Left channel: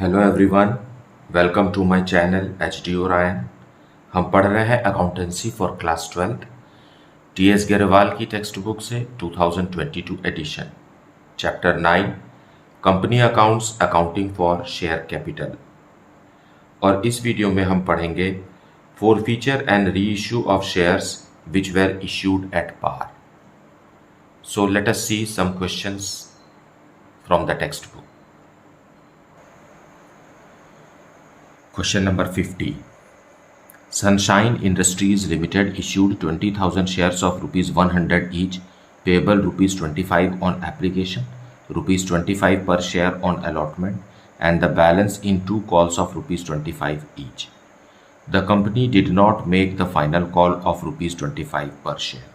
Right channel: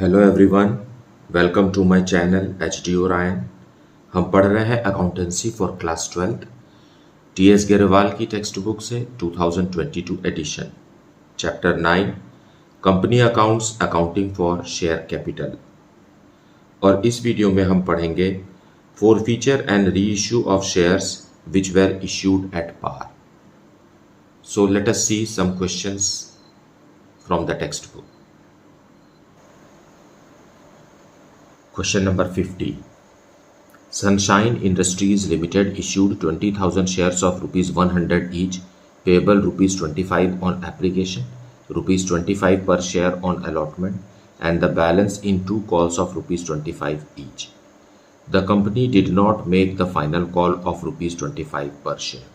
Hello everyone, welcome to my channel H D Orion. हम पढ़ रहे हैं accountancy for class 12 T S Grewal की टेक्स्ट बुक से 2022 edition, chapter 9 company accounts accounting for share capital. और इस वीडियो में हम पढ़ेंगे forfeiture and reissue of shares which were issued at par. So let us see some questions from the textbook. Question number 50. Sunshine Industries Limited issued 20,000 shares of rupees 100 each, payable rupees 25 on application, rupees 25 per share on allotment, and the balance in 2 calls of rupees 25 each. The company did not make the final call of rupees 25 per share.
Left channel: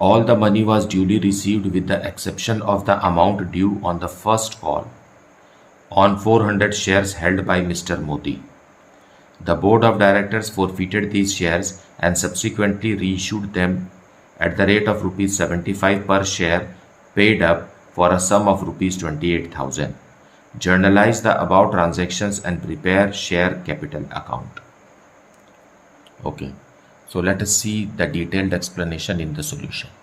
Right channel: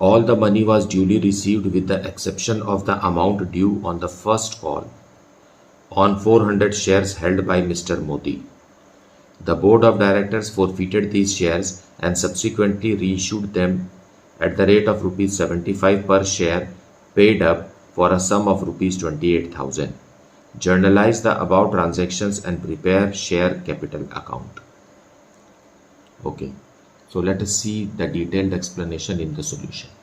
All the money was duly received with the exception of the amount due on the first call on 400 shares held by Mr. Modi. The board of directors forfeited these shares and subsequently reissued them at the rate of rupees 75 per share, paid up for a sum of rupees 28,000. Journalize the above transactions and prepare share capital account. Okay, so let us see the detailed explanation in the solution.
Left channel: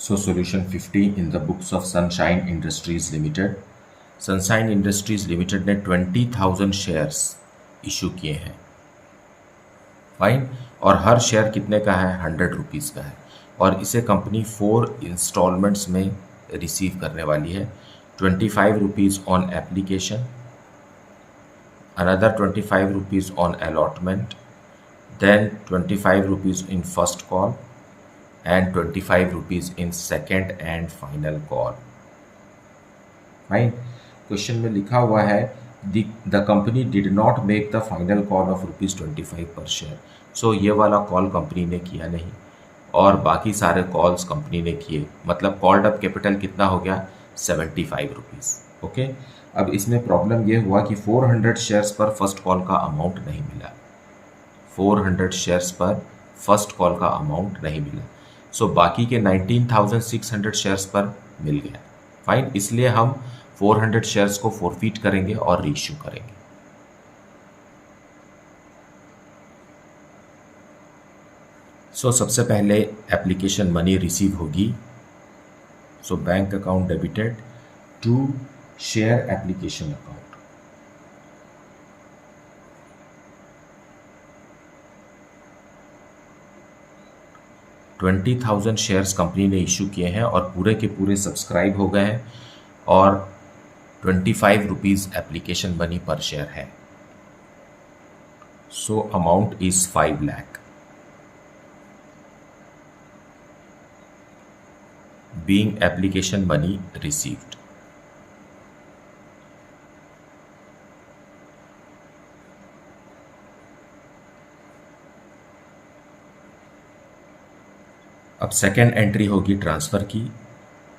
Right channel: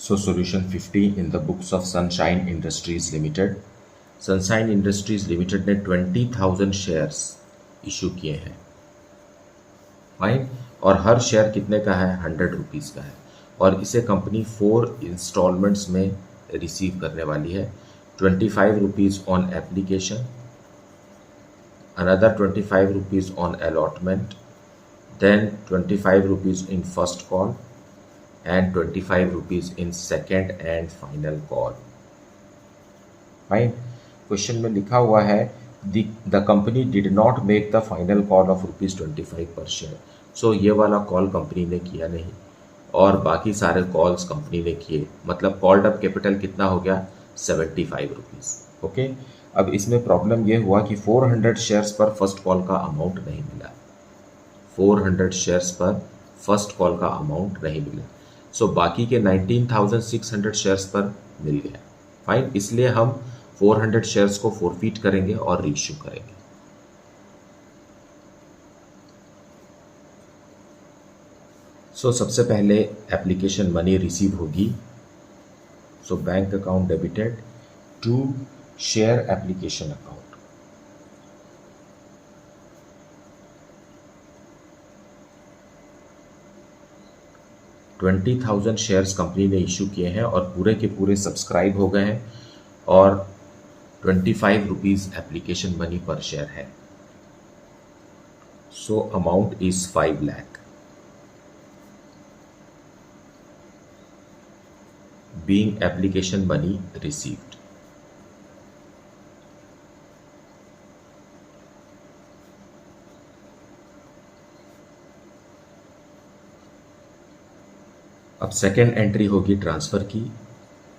So solution 50 in the books of Sunshine Industries Limited. Sunshine Industries Limited ने 20,000 shares issue किए हैं, fine. और हर share कितने का है? 100 rupees का है। और इसे कंपनी 4 इंस्टॉलमेंट्स में रिसीव करने वाली है। 25 rupees on application, another 25 rupees on allotment, then 25 rupees in first call and 25 rupees in second and final call. Fine. Question में लिखा हुआ है the company did not make the final call of rupees 25 per share. So ये वाला call company ने किया नहीं और बाकी सारे कॉल्स कंपनी ने किए, मतलब कॉल्ड अप कैपिटल कितना हो गया? 75 रुपीज़। ओके, अब इसमें प्रॉब्लम ये हुआ कि 400 शेयर्स पर फर्स्ट कॉल का अमाउंट नहीं मिला। 400 शेयर्स पर फर्स्ट कॉल का अमाउंट नहीं मिला। सो बाकी के 19,600 शेयर्स पर मिल गया, फाइन। इसलिए हम 400 शेयर्स को फोरफीट करेंगे और रीइश्यू करेंगे। सो सबसे पहले एप्लीकेशन मनी रिसीव होगी। So bank account debited to share application account. $20,000 shares company ने इशू किए हैं और पूरे के पूरे सब्सक्राइब हो गए हैं और 25 रुपीज़ एप्लीकेशन मनी पर शेयर है। So amount is 5 lakh being application money received. अब सेकेंड एंट्री होगी ट्रांसफ़र की।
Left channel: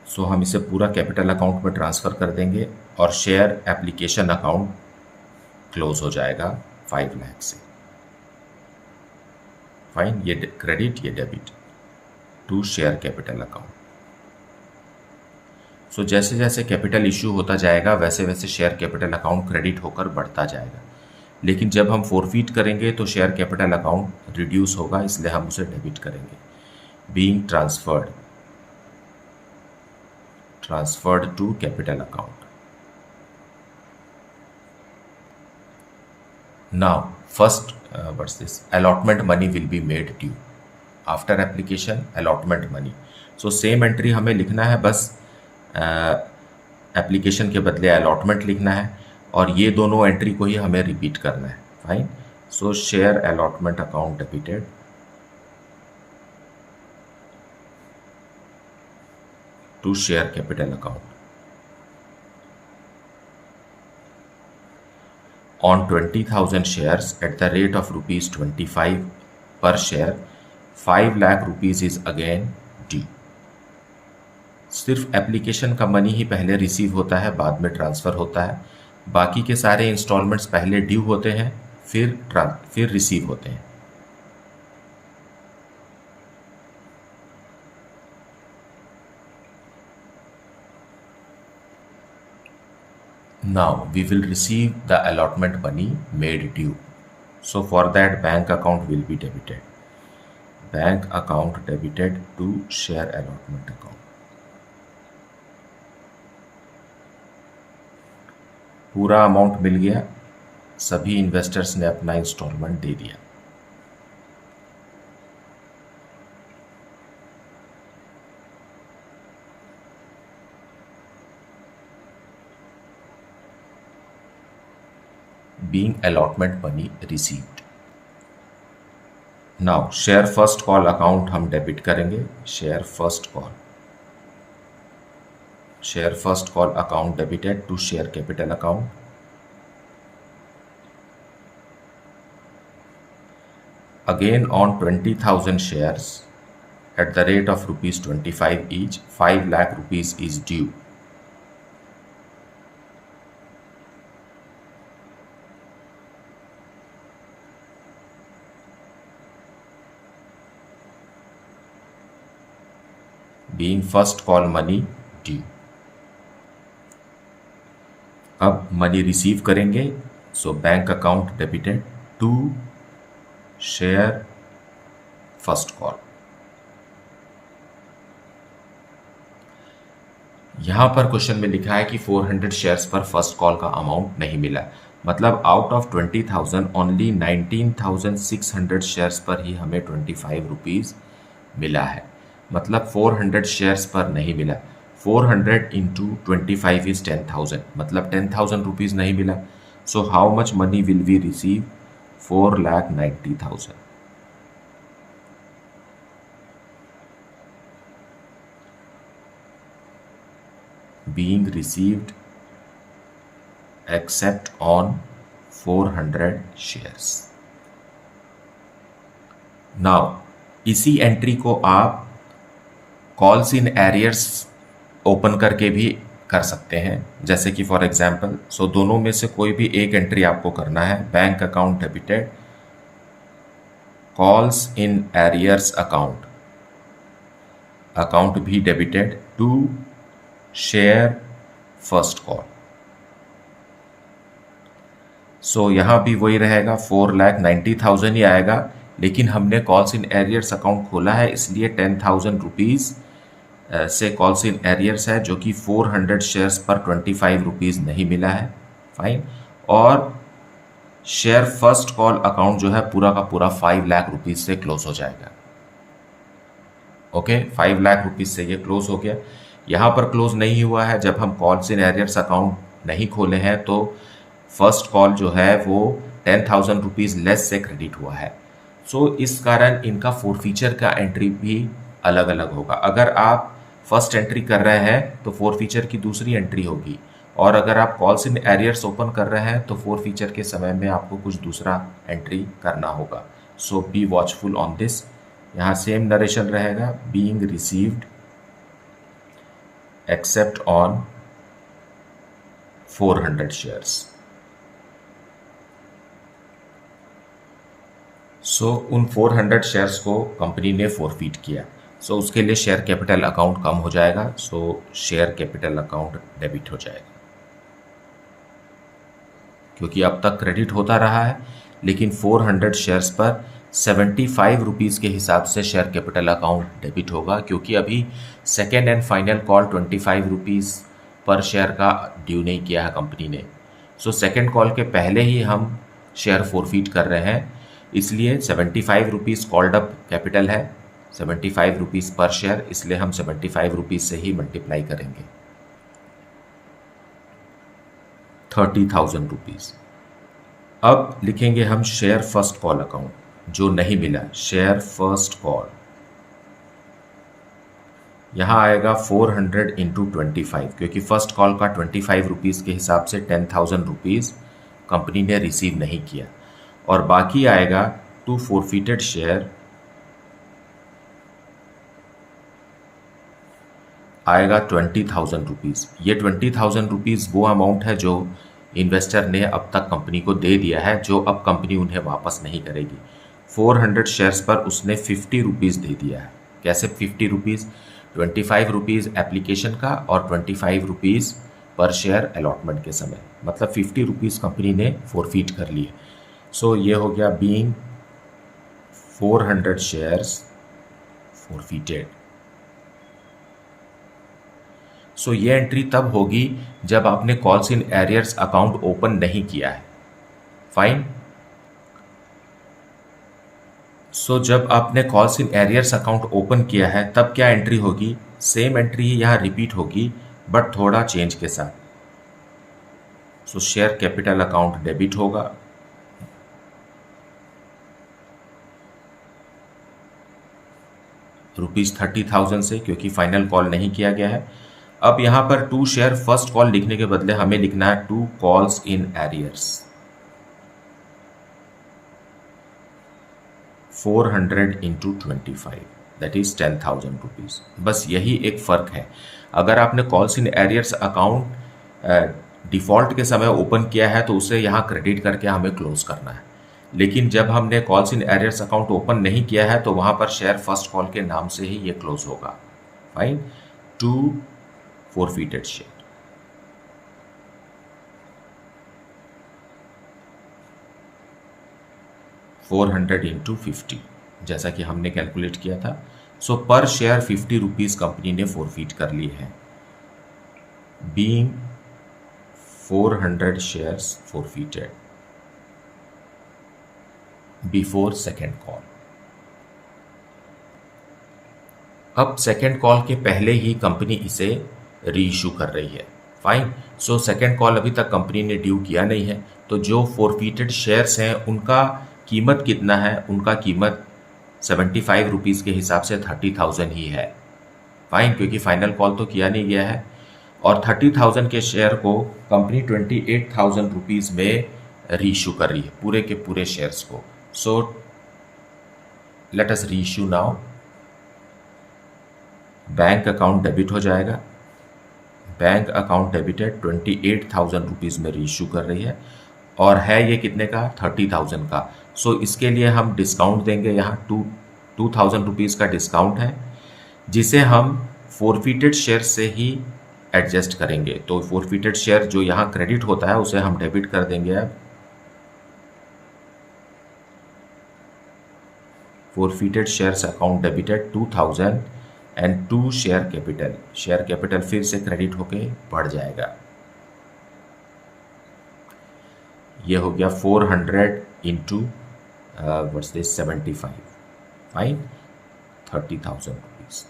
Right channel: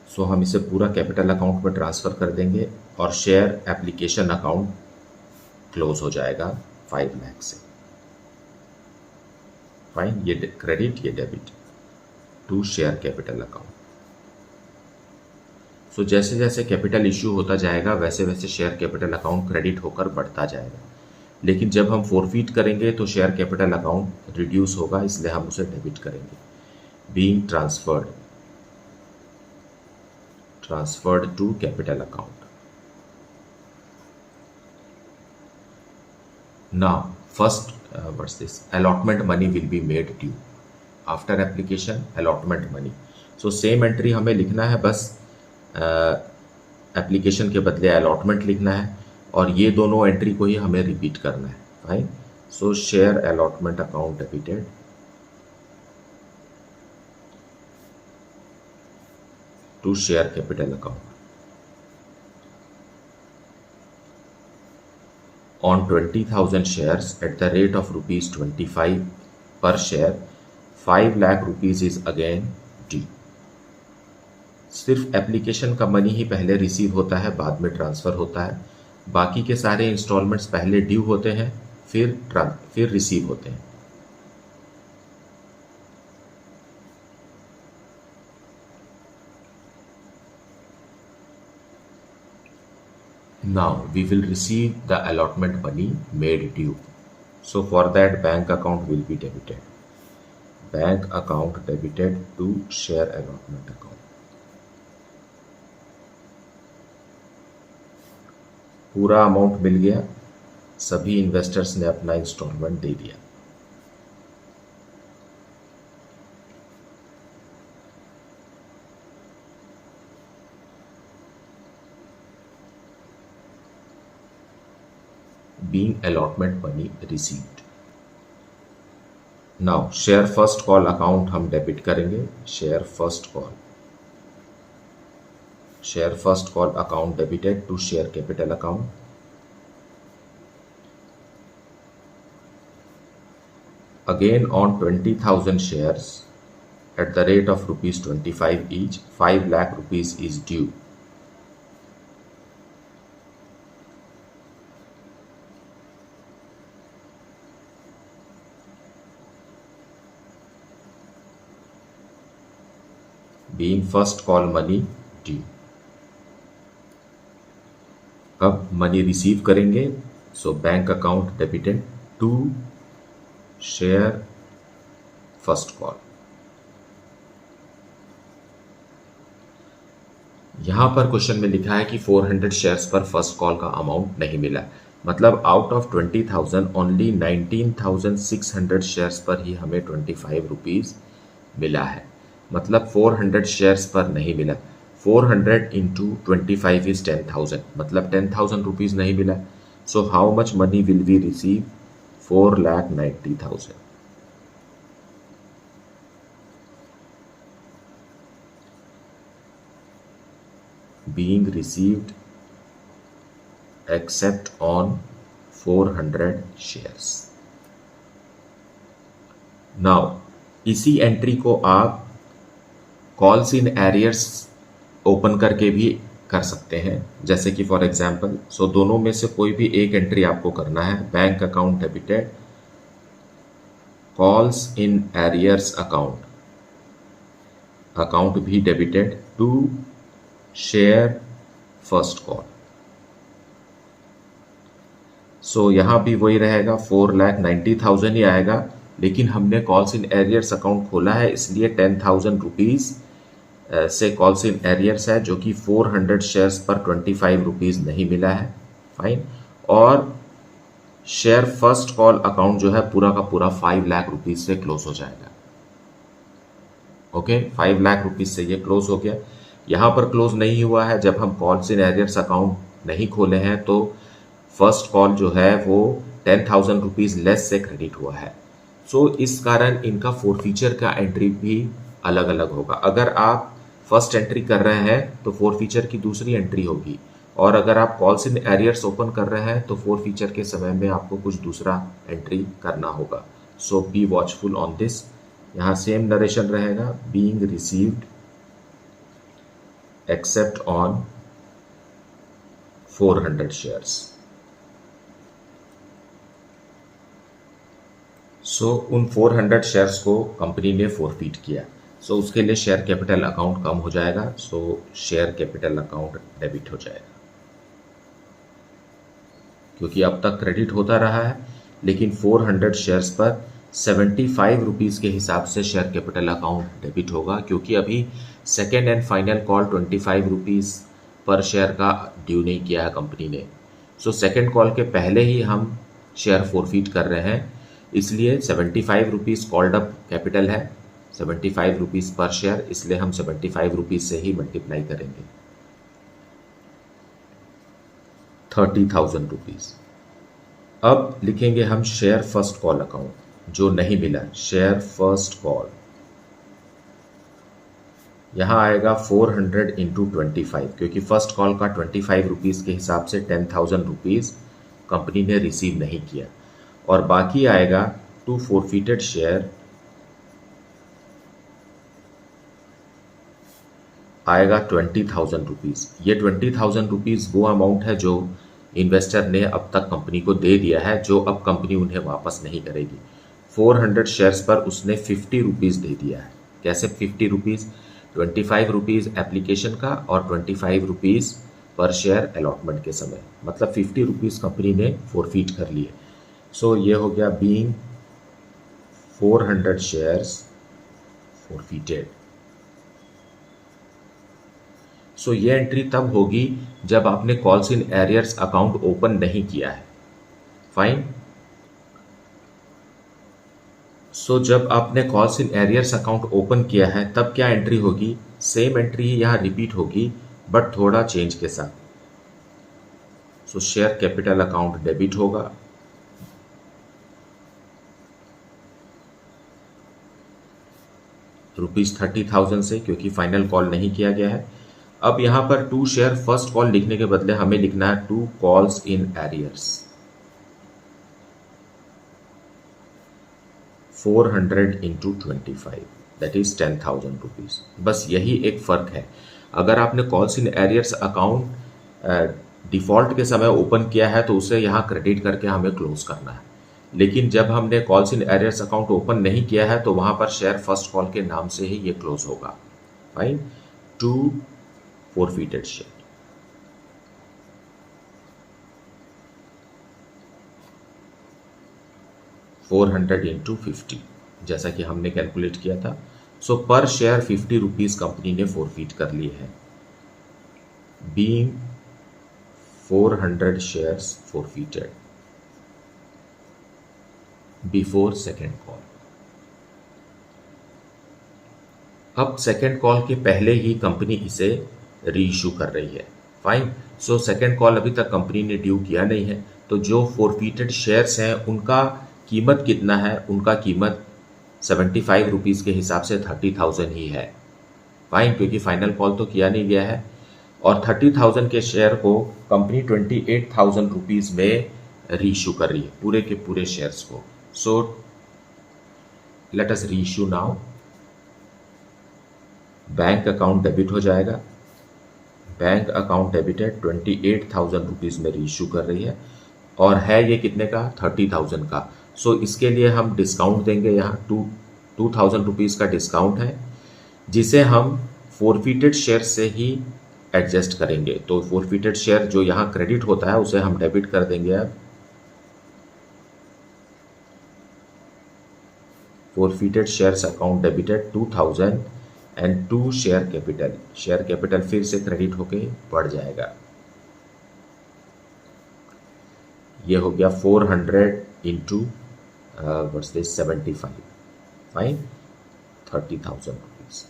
सो हम इसे पूरा कैपिटल अकाउंट में ट्रांसफ़र कर देंगे और शेयर एप्लीकेशन अकाउंट क्लोज हो जाएगा 5 लाख से, फाइन। ये क्रेडिट, ये debit to share capital account. So जैसे जैसे कैपिटल इशू होता जाएगा वैसे वैसे शेयर कैपिटल अकाउंट क्रेडिट होकर बढ़ता जाएगा, लेकिन जब हम फोरफीट करेंगे तो शेयर कैपिटल अकाउंट रिड्यूस होगा, इसलिए हम उसे डेबिट करेंगे। being transferred to capital account. Now first what's this? Allotment money will be made due after application, allotment money. So same entry हमें लिखना है, बस एप्लीकेशन के बदले allotment लिखना है और ये दोनों एंट्री को ही हमें रिपीट करना है, fine. So share allotment account debited to share capital account. On 20,000 shares at the rate of rupees 25 per share, 5 lakh rupees is again due. सिर्फ एप्लीकेशन का मनी ही पहले रिसीव होता है, बाद में ट्रांसफ़र होता है। बाकी के सारे इंस्टॉलमेंट्स पहले ड्यू होते हैं, फिर रिसीव होते हैं। Now we will receive the allotment money made due. So for that bank account will be debited. Bank account debited to share allotment account. पूरा अमाउंट मिल गया, सभी इन्वेस्टर्स ने अपना इंस्टॉलमेंट दे दिया. Being allotment money received. Now share first call account हम debit करेंगे. Share first call account debited to share capital account. Again on 20,000 shares at the rate of rupees 25 each, 5 lakh rupees is due. Being first call money due. अब money receive करेंगे. So bank account debited to share first call. यहां पर question में लिखा है कि 400 shares पर first call का अमाउंट नहीं मिला. मतलब आउट ऑफ 20,000 ओनली 19,600 शेयर्स पर ही हमें 25 रुपीज मिला है. मतलब 400 शेयर्स पर नहीं मिला. 400 इंटू 25 इज 10,000. मतलब 10,000 रुपीज नहीं मिला. So how much money will we receive? 4,90,000. Being received except on 400 shares. Now इसी एंट्री को आप कॉल्स इन एरियर्स ओपन करके भी कर सकते हैं. जैसे कि फॉर एग्जांपल, सो दोनों में से कोई भी एक एंट्री आपको करना है. Bank account debited, calls in arrears account भी debited to share first call. So यहां भी वही रहेगा, 4,90,000 ही आएगा. लेकिन हमने कॉल्स इन एरियर्स अकाउंट खोला है, इसलिए 10,000 रुपीज से कॉल्स इन एरियर्स है, जो कि 400 शेयर्स पर 25 रुपीज नहीं मिला है. फाइन. और शेयर फर्स्ट कॉल अकाउंट जो है पूरा का पूरा 5 लाख रुपीज से क्लोज हो जाएगा. ओके, 5 लाख रुपीज से ये क्लोज हो गया. यहां पर क्लोज नहीं हुआ है. जब हम कॉल्स इन एरियर्स अकाउंट नहीं खोले हैं तो फर्स्ट कॉल जो है वो 10,000 रुपीज लेस से क्रेडिट हुआ है. सो इस कारण इनका फोरफीचर का एंट्री भी अलग अलग होगा. अगर आप फर्स्ट एंट्री कर रहे हैं तो फोरफीचर की दूसरी एंट्री होगी, और अगर आप कॉल्स इन एरियर्स ओपन कर रहे हैं तो फोरफीचर के समय में आपको कुछ दूसरा एंट्री करना होगा. So be watchful on this. यहाँ सेम नरेशन रहेगा, being received except on 400 shares. So उन 400 शेयर्स को कंपनी ने फोरफीट किया. सो उसके लिए शेयर कैपिटल अकाउंट कम हो जाएगा. सो शेयर कैपिटल अकाउंट डेबिट हो जाएगा, क्योंकि अब तक क्रेडिट होता रहा है. लेकिन 400 शेयर्स पर 75 रुपीज़ के हिसाब से शेयर कैपिटल अकाउंट डेबिट होगा, क्योंकि अभी second and final call 25 rupees per share का ड्यू नहीं किया है कंपनी ने. सो सेकेंड कॉल के पहले ही हम शेयर फोरफीट कर रहे हैं, इसलिए 75 रुपीज़ कॉल्ड अप कैपिटल है, 75 रुपीज़ पर शेयर, इसलिए हम 75 रुपीज़ से ही मल्टीप्लाई करेंगे. 30,000 रुपीज़. अब लिखेंगे हम शेयर फर्स्ट कॉल अकाउंट, जो नहीं मिला. शेयर फर्स्ट कॉल यहाँ आएगा 400 इंटू 25, क्योंकि फर्स्ट कॉल का 25 रुपीज़ के हिसाब से 10,000 रुपीज़ कंपनी ने रिसीव नहीं किया. और बाकी आएगा टू फोरफिटेड शेयर, आएगा 20,000 रुपीज़. ये 20,000 रुपीज़ वो अमाउंट है जो इन्वेस्टर ने अब तक कंपनी को दे दिया है, जो अब कंपनी उन्हें वापस नहीं करेगी. 400 शेयर्स पर उसने 50 रुपीज़ दे दिया है. कैसे 50 रुपीज़? 25 रुपीज़ एप्लीकेशन का और 25 रुपीज़ पर शेयर अलॉटमेंट के समय, मतलब 50 रुपीज़ कंपनी ने फोरफीट कर लिए। सो ये हो गया बीइंग 400 शेयर्स फोरफीटेड। सो ये एंट्री तब होगी जब आपने calls in arrears account open नहीं किया है। फाइन। सो जब आपने calls in arrears account open किया है तब क्या एंट्री होगी? सेम एंट्री ही यहाँ रिपीट होगी बट थोड़ा चेंज के साथ। सो शेयर कैपिटल अकाउंट डेबिट होगा, ₹30,000 से, क्योंकि फाइनल कॉल नहीं किया गया है। अब यहां पर 2 शेयर फर्स्ट कॉल लिखने के बदले हमें लिखना है 2 calls in arrears, 400 into 25, that is 10,000 rupees. बस यही एक फर्क है। अगर आपने calls in arrears account default के समय ओपन किया है तो उसे यहाँ क्रेडिट करके हमें क्लोज करना है, लेकिन जब हमने calls in arrears account open नहीं किया है तो वहां पर शेयर फर्स्ट कॉल के नाम से ही ये क्लोज होगा। फाइन। 2 forfeited share. $400 इंटू 50 जैसा कि हमने कैलकुलेट किया था। So per share 50 rupees company ने फोरफीट कर लिए हैं, being 400 shares forfeited before second call. अब सेकेंड कॉल के पहले ही कंपनी इसे री इशू कर रही है। फाइन। सो सेकेंड कॉल अभी तक कंपनी ने ड्यू किया नहीं है, तो जो फोरफीटेड शेयर्स हैं उनका कीमत कितना है? उनका कीमत 75 रुपीज़ के हिसाब से 30,000 ही है। फाइन, क्योंकि फाइनल कॉल तो किया नहीं गया है। और 30,000 के शेयर को कंपनी 28,000 रुपीज़ में री इशू कर रही है, पूरे के पूरे शेयर्स को। सो लेट अस री issue now. Bank account debit हो जाएगा, बैंक अकाउंट डेबिटेड 28,000 रुपीज़ में री इशू कर रही है, और है ये कितने का? 30,000 का। सो इसके लिए हम डिस्काउंट देंगे, यहाँ 2,000 रुपीज़ का डिस्काउंट है, जिसे हम फोरफीटेड शेयर से ही एडजस्ट करेंगे। तो फोरफीटेड शेयर जो यहाँ क्रेडिट होता है उसे हम डेबिट कर देंगे। अब forfeited shares account debited 2,000 and 2 share capital, share capital फिर से क्रेडिट होके बढ़ जाएगा। ये हो गया 400 into what's this 75, fine, 30,000 rupees.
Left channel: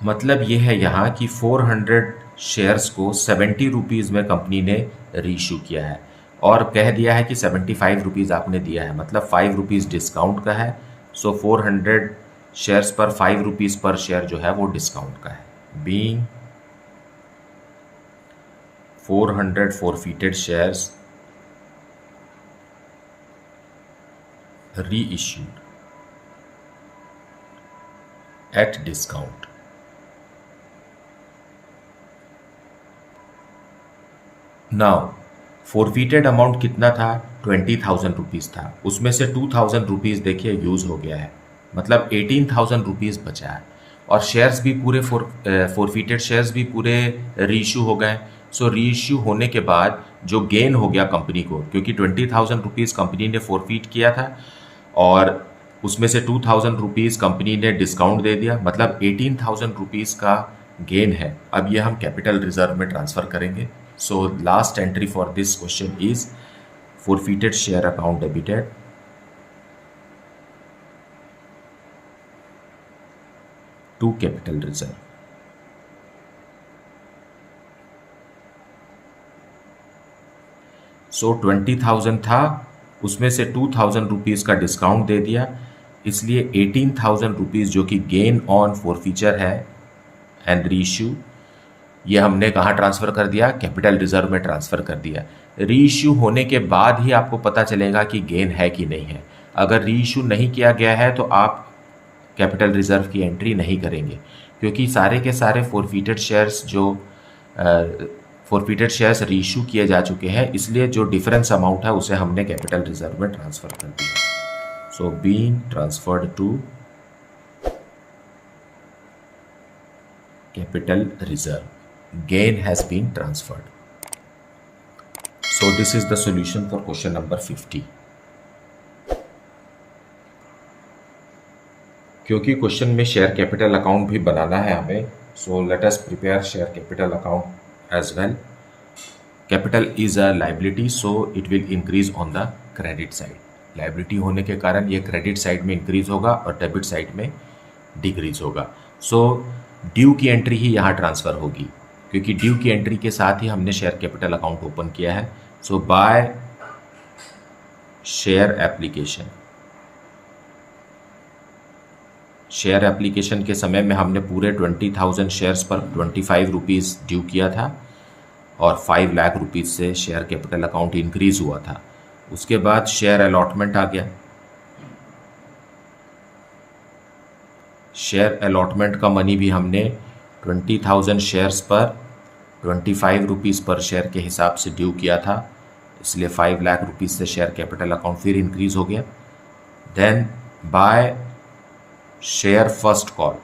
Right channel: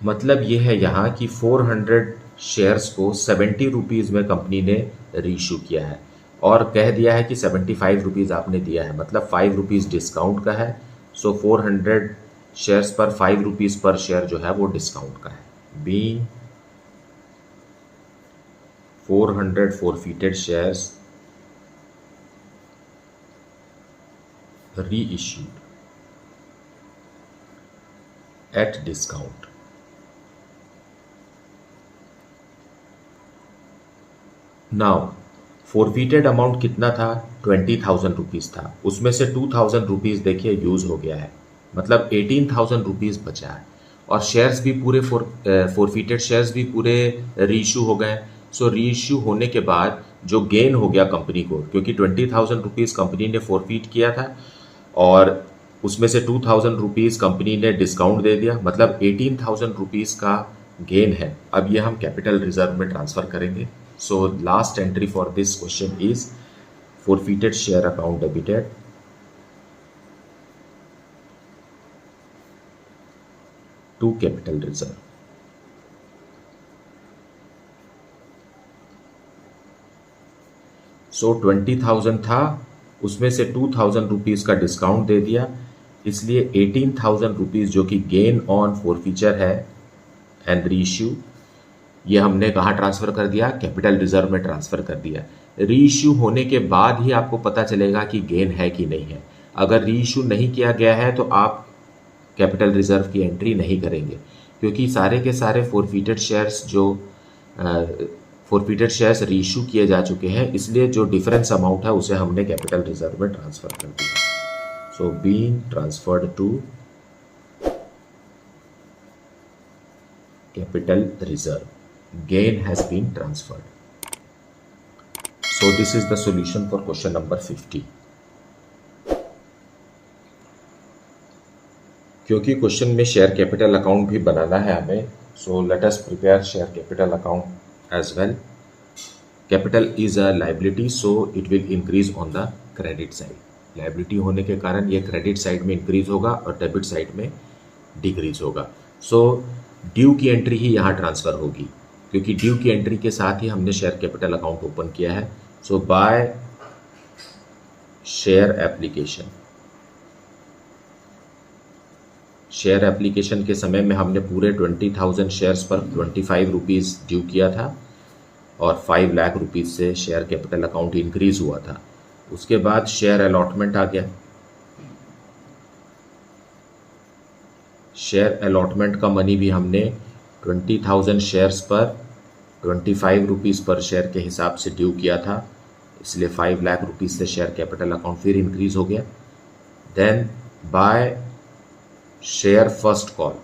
मतलब ये है यहाँ कि 400 शेयर्स को 70 रुपीज़ में कंपनी ने री इशू किया है, और कह दिया है कि 75 रुपीज़ आपने दिया है, मतलब 5 रुपीज़ डिस्काउंट का है। सो 400 शेयर्स पर 5 रुपीज़ पर शेयर जो है वो डिस्काउंट का है। Being 400 forfeited shares reissued at discount. Now forfeited amount कितना था? 20,000 रुपीज़ था, उसमें से 2,000 रुपीज़ देखिए यूज़ हो गया है, मतलब 18,000 रुपीज़ बचा है, और शेयर्स भी पूरे फोरफीटेड शेयर्स भी पूरे रीइश्यू हो गए। सो रीइश्यू होने के बाद जो गेन हो गया कंपनी को, क्योंकि 20,000 रुपीज़ कंपनी ने फोरफीट किया था और उसमें से 2,000 रुपीज़ कंपनी ने डिस्काउंट दे दिया, मतलब 18,000 रुपीज़ का गेन है। अब ये हम कैपिटल रिजर्व में ट्रांसफ़र करेंगे। So last entry for this question is forfeited share account debited to capital reserve. So 20,000 था, उसमें से 2,000 रुपीज़ का डिस्काउंट दे दिया, इसलिए 18,000 रुपीज़ जो कि गेन ऑन फोरफीचर है एंड रीइश्यू, ये हमने कहाँ ट्रांसफ़र कर दिया? कैपिटल रिजर्व में ट्रांसफ़र कर दिया। री इशू होने के बाद ही आपको पता चलेगा कि गेन है कि नहीं है। अगर री इशू नहीं किया गया है तो आप कैपिटल रिजर्व की एंट्री नहीं करेंगे, क्योंकि सारे के सारे फोरफीटेड शेयर्स री इशू किए जा चुके हैं, इसलिए जो डिफरेंस अमाउंट है उसे हमने कैपिटल रिजर्व में ट्रांसफ़र कर दिया। So being transferred to capital reserve. gain has been transferred. So this is the solution for question number 50. क्योंकि क्वेश्चन में शेयर कैपिटल अकाउंट भी बनाना है हमें, so let us prepare share capital account as well. Capital is a liability, so it will increase on the credit side. Liability होने के कारण ये क्रेडिट साइड में इंक्रीज होगा और डेबिट साइड में डिक्रीज होगा. सो ड्यू की एंट्री ही यहाँ ट्रांसफ़र होगी, क्योंकि ड्यू की एंट्री के साथ ही हमने शेयर कैपिटल अकाउंट ओपन किया है. So by share application, share application के समय में हमने पूरे 20,000 शेयर्स पर 25 रुपीज़ ड्यू किया था और 5 लाख रुपीज़ से शेयर कैपिटल अकाउंट इंक्रीज़ हुआ था. उसके बाद शेयर अलॉटमेंट आ गया. शेयर अलॉटमेंट का मनी भी हमने 20,000 शेयर्स पर 25 रुपीज़ पर शेयर के हिसाब से ड्यू किया था, इसलिए 5 लाख रुपीज़ से शेयर कैपिटल अकाउंट फिर इंक्रीज़ हो गया. Then by share first call,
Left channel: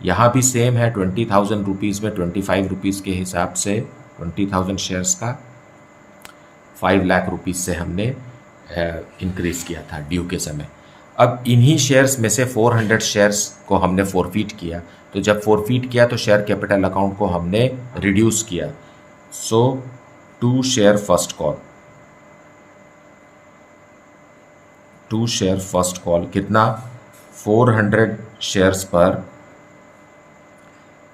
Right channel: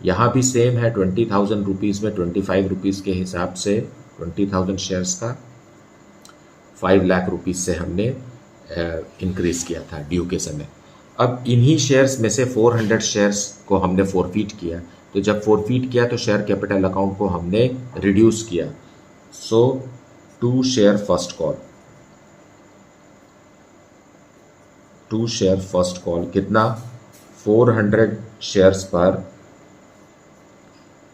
यहाँ भी सेम है. 20,000 रुपीज़ में 25 रुपीज़ के हिसाब से 20,000 शेयर्स का 5 लाख रुपीज़ से हमने इंक्रीज़ किया था ड्यू के समय. अब इन्हीं शेयर्स में से 400 शेयर्स को हमने फोरफीट किया. तो जब फोरफीट किया तो शेयर कैपिटल अकाउंट को हमने रिड्यूस किया. So to share first call, to share first call कितना, 400 शेयर्स पर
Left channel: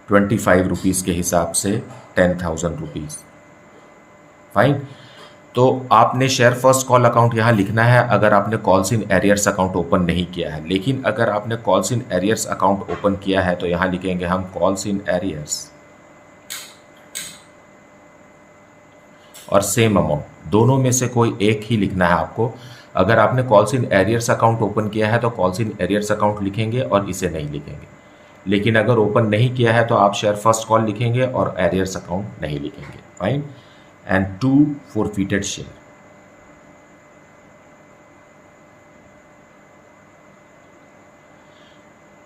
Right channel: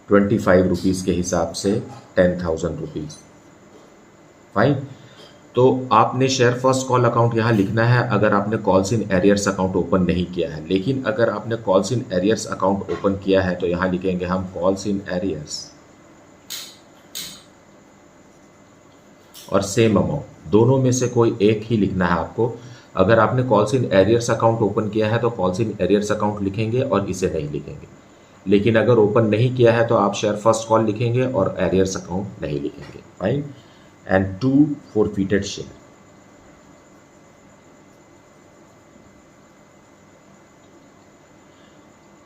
25 रुपीज़ के हिसाब से 10,000 रुपीज़. फाइन. तो आपने शेयर फर्स्ट कॉल अकाउंट यहाँ लिखना है अगर आपने calls in arrears account open नहीं किया है. लेकिन अगर आपने calls in arrears account open किया है तो यहाँ लिखेंगे हम कॉल्स इन एरियर्स और सेम अमाउंट. दोनों में से कोई एक ही लिखना है आपको. अगर आपने calls in arrears account open किया है तो कॉल्स इन एरियर्स अकाउंट लिखेंगे और इसे नहीं लिखेंगे. लेकिन अगर ओपन नहीं किया है तो आप शेयर फर्स्ट कॉल लिखेंगे और एरियर्स अकाउंट नहीं लिखेंगे. Fine. And 2 forfeited share,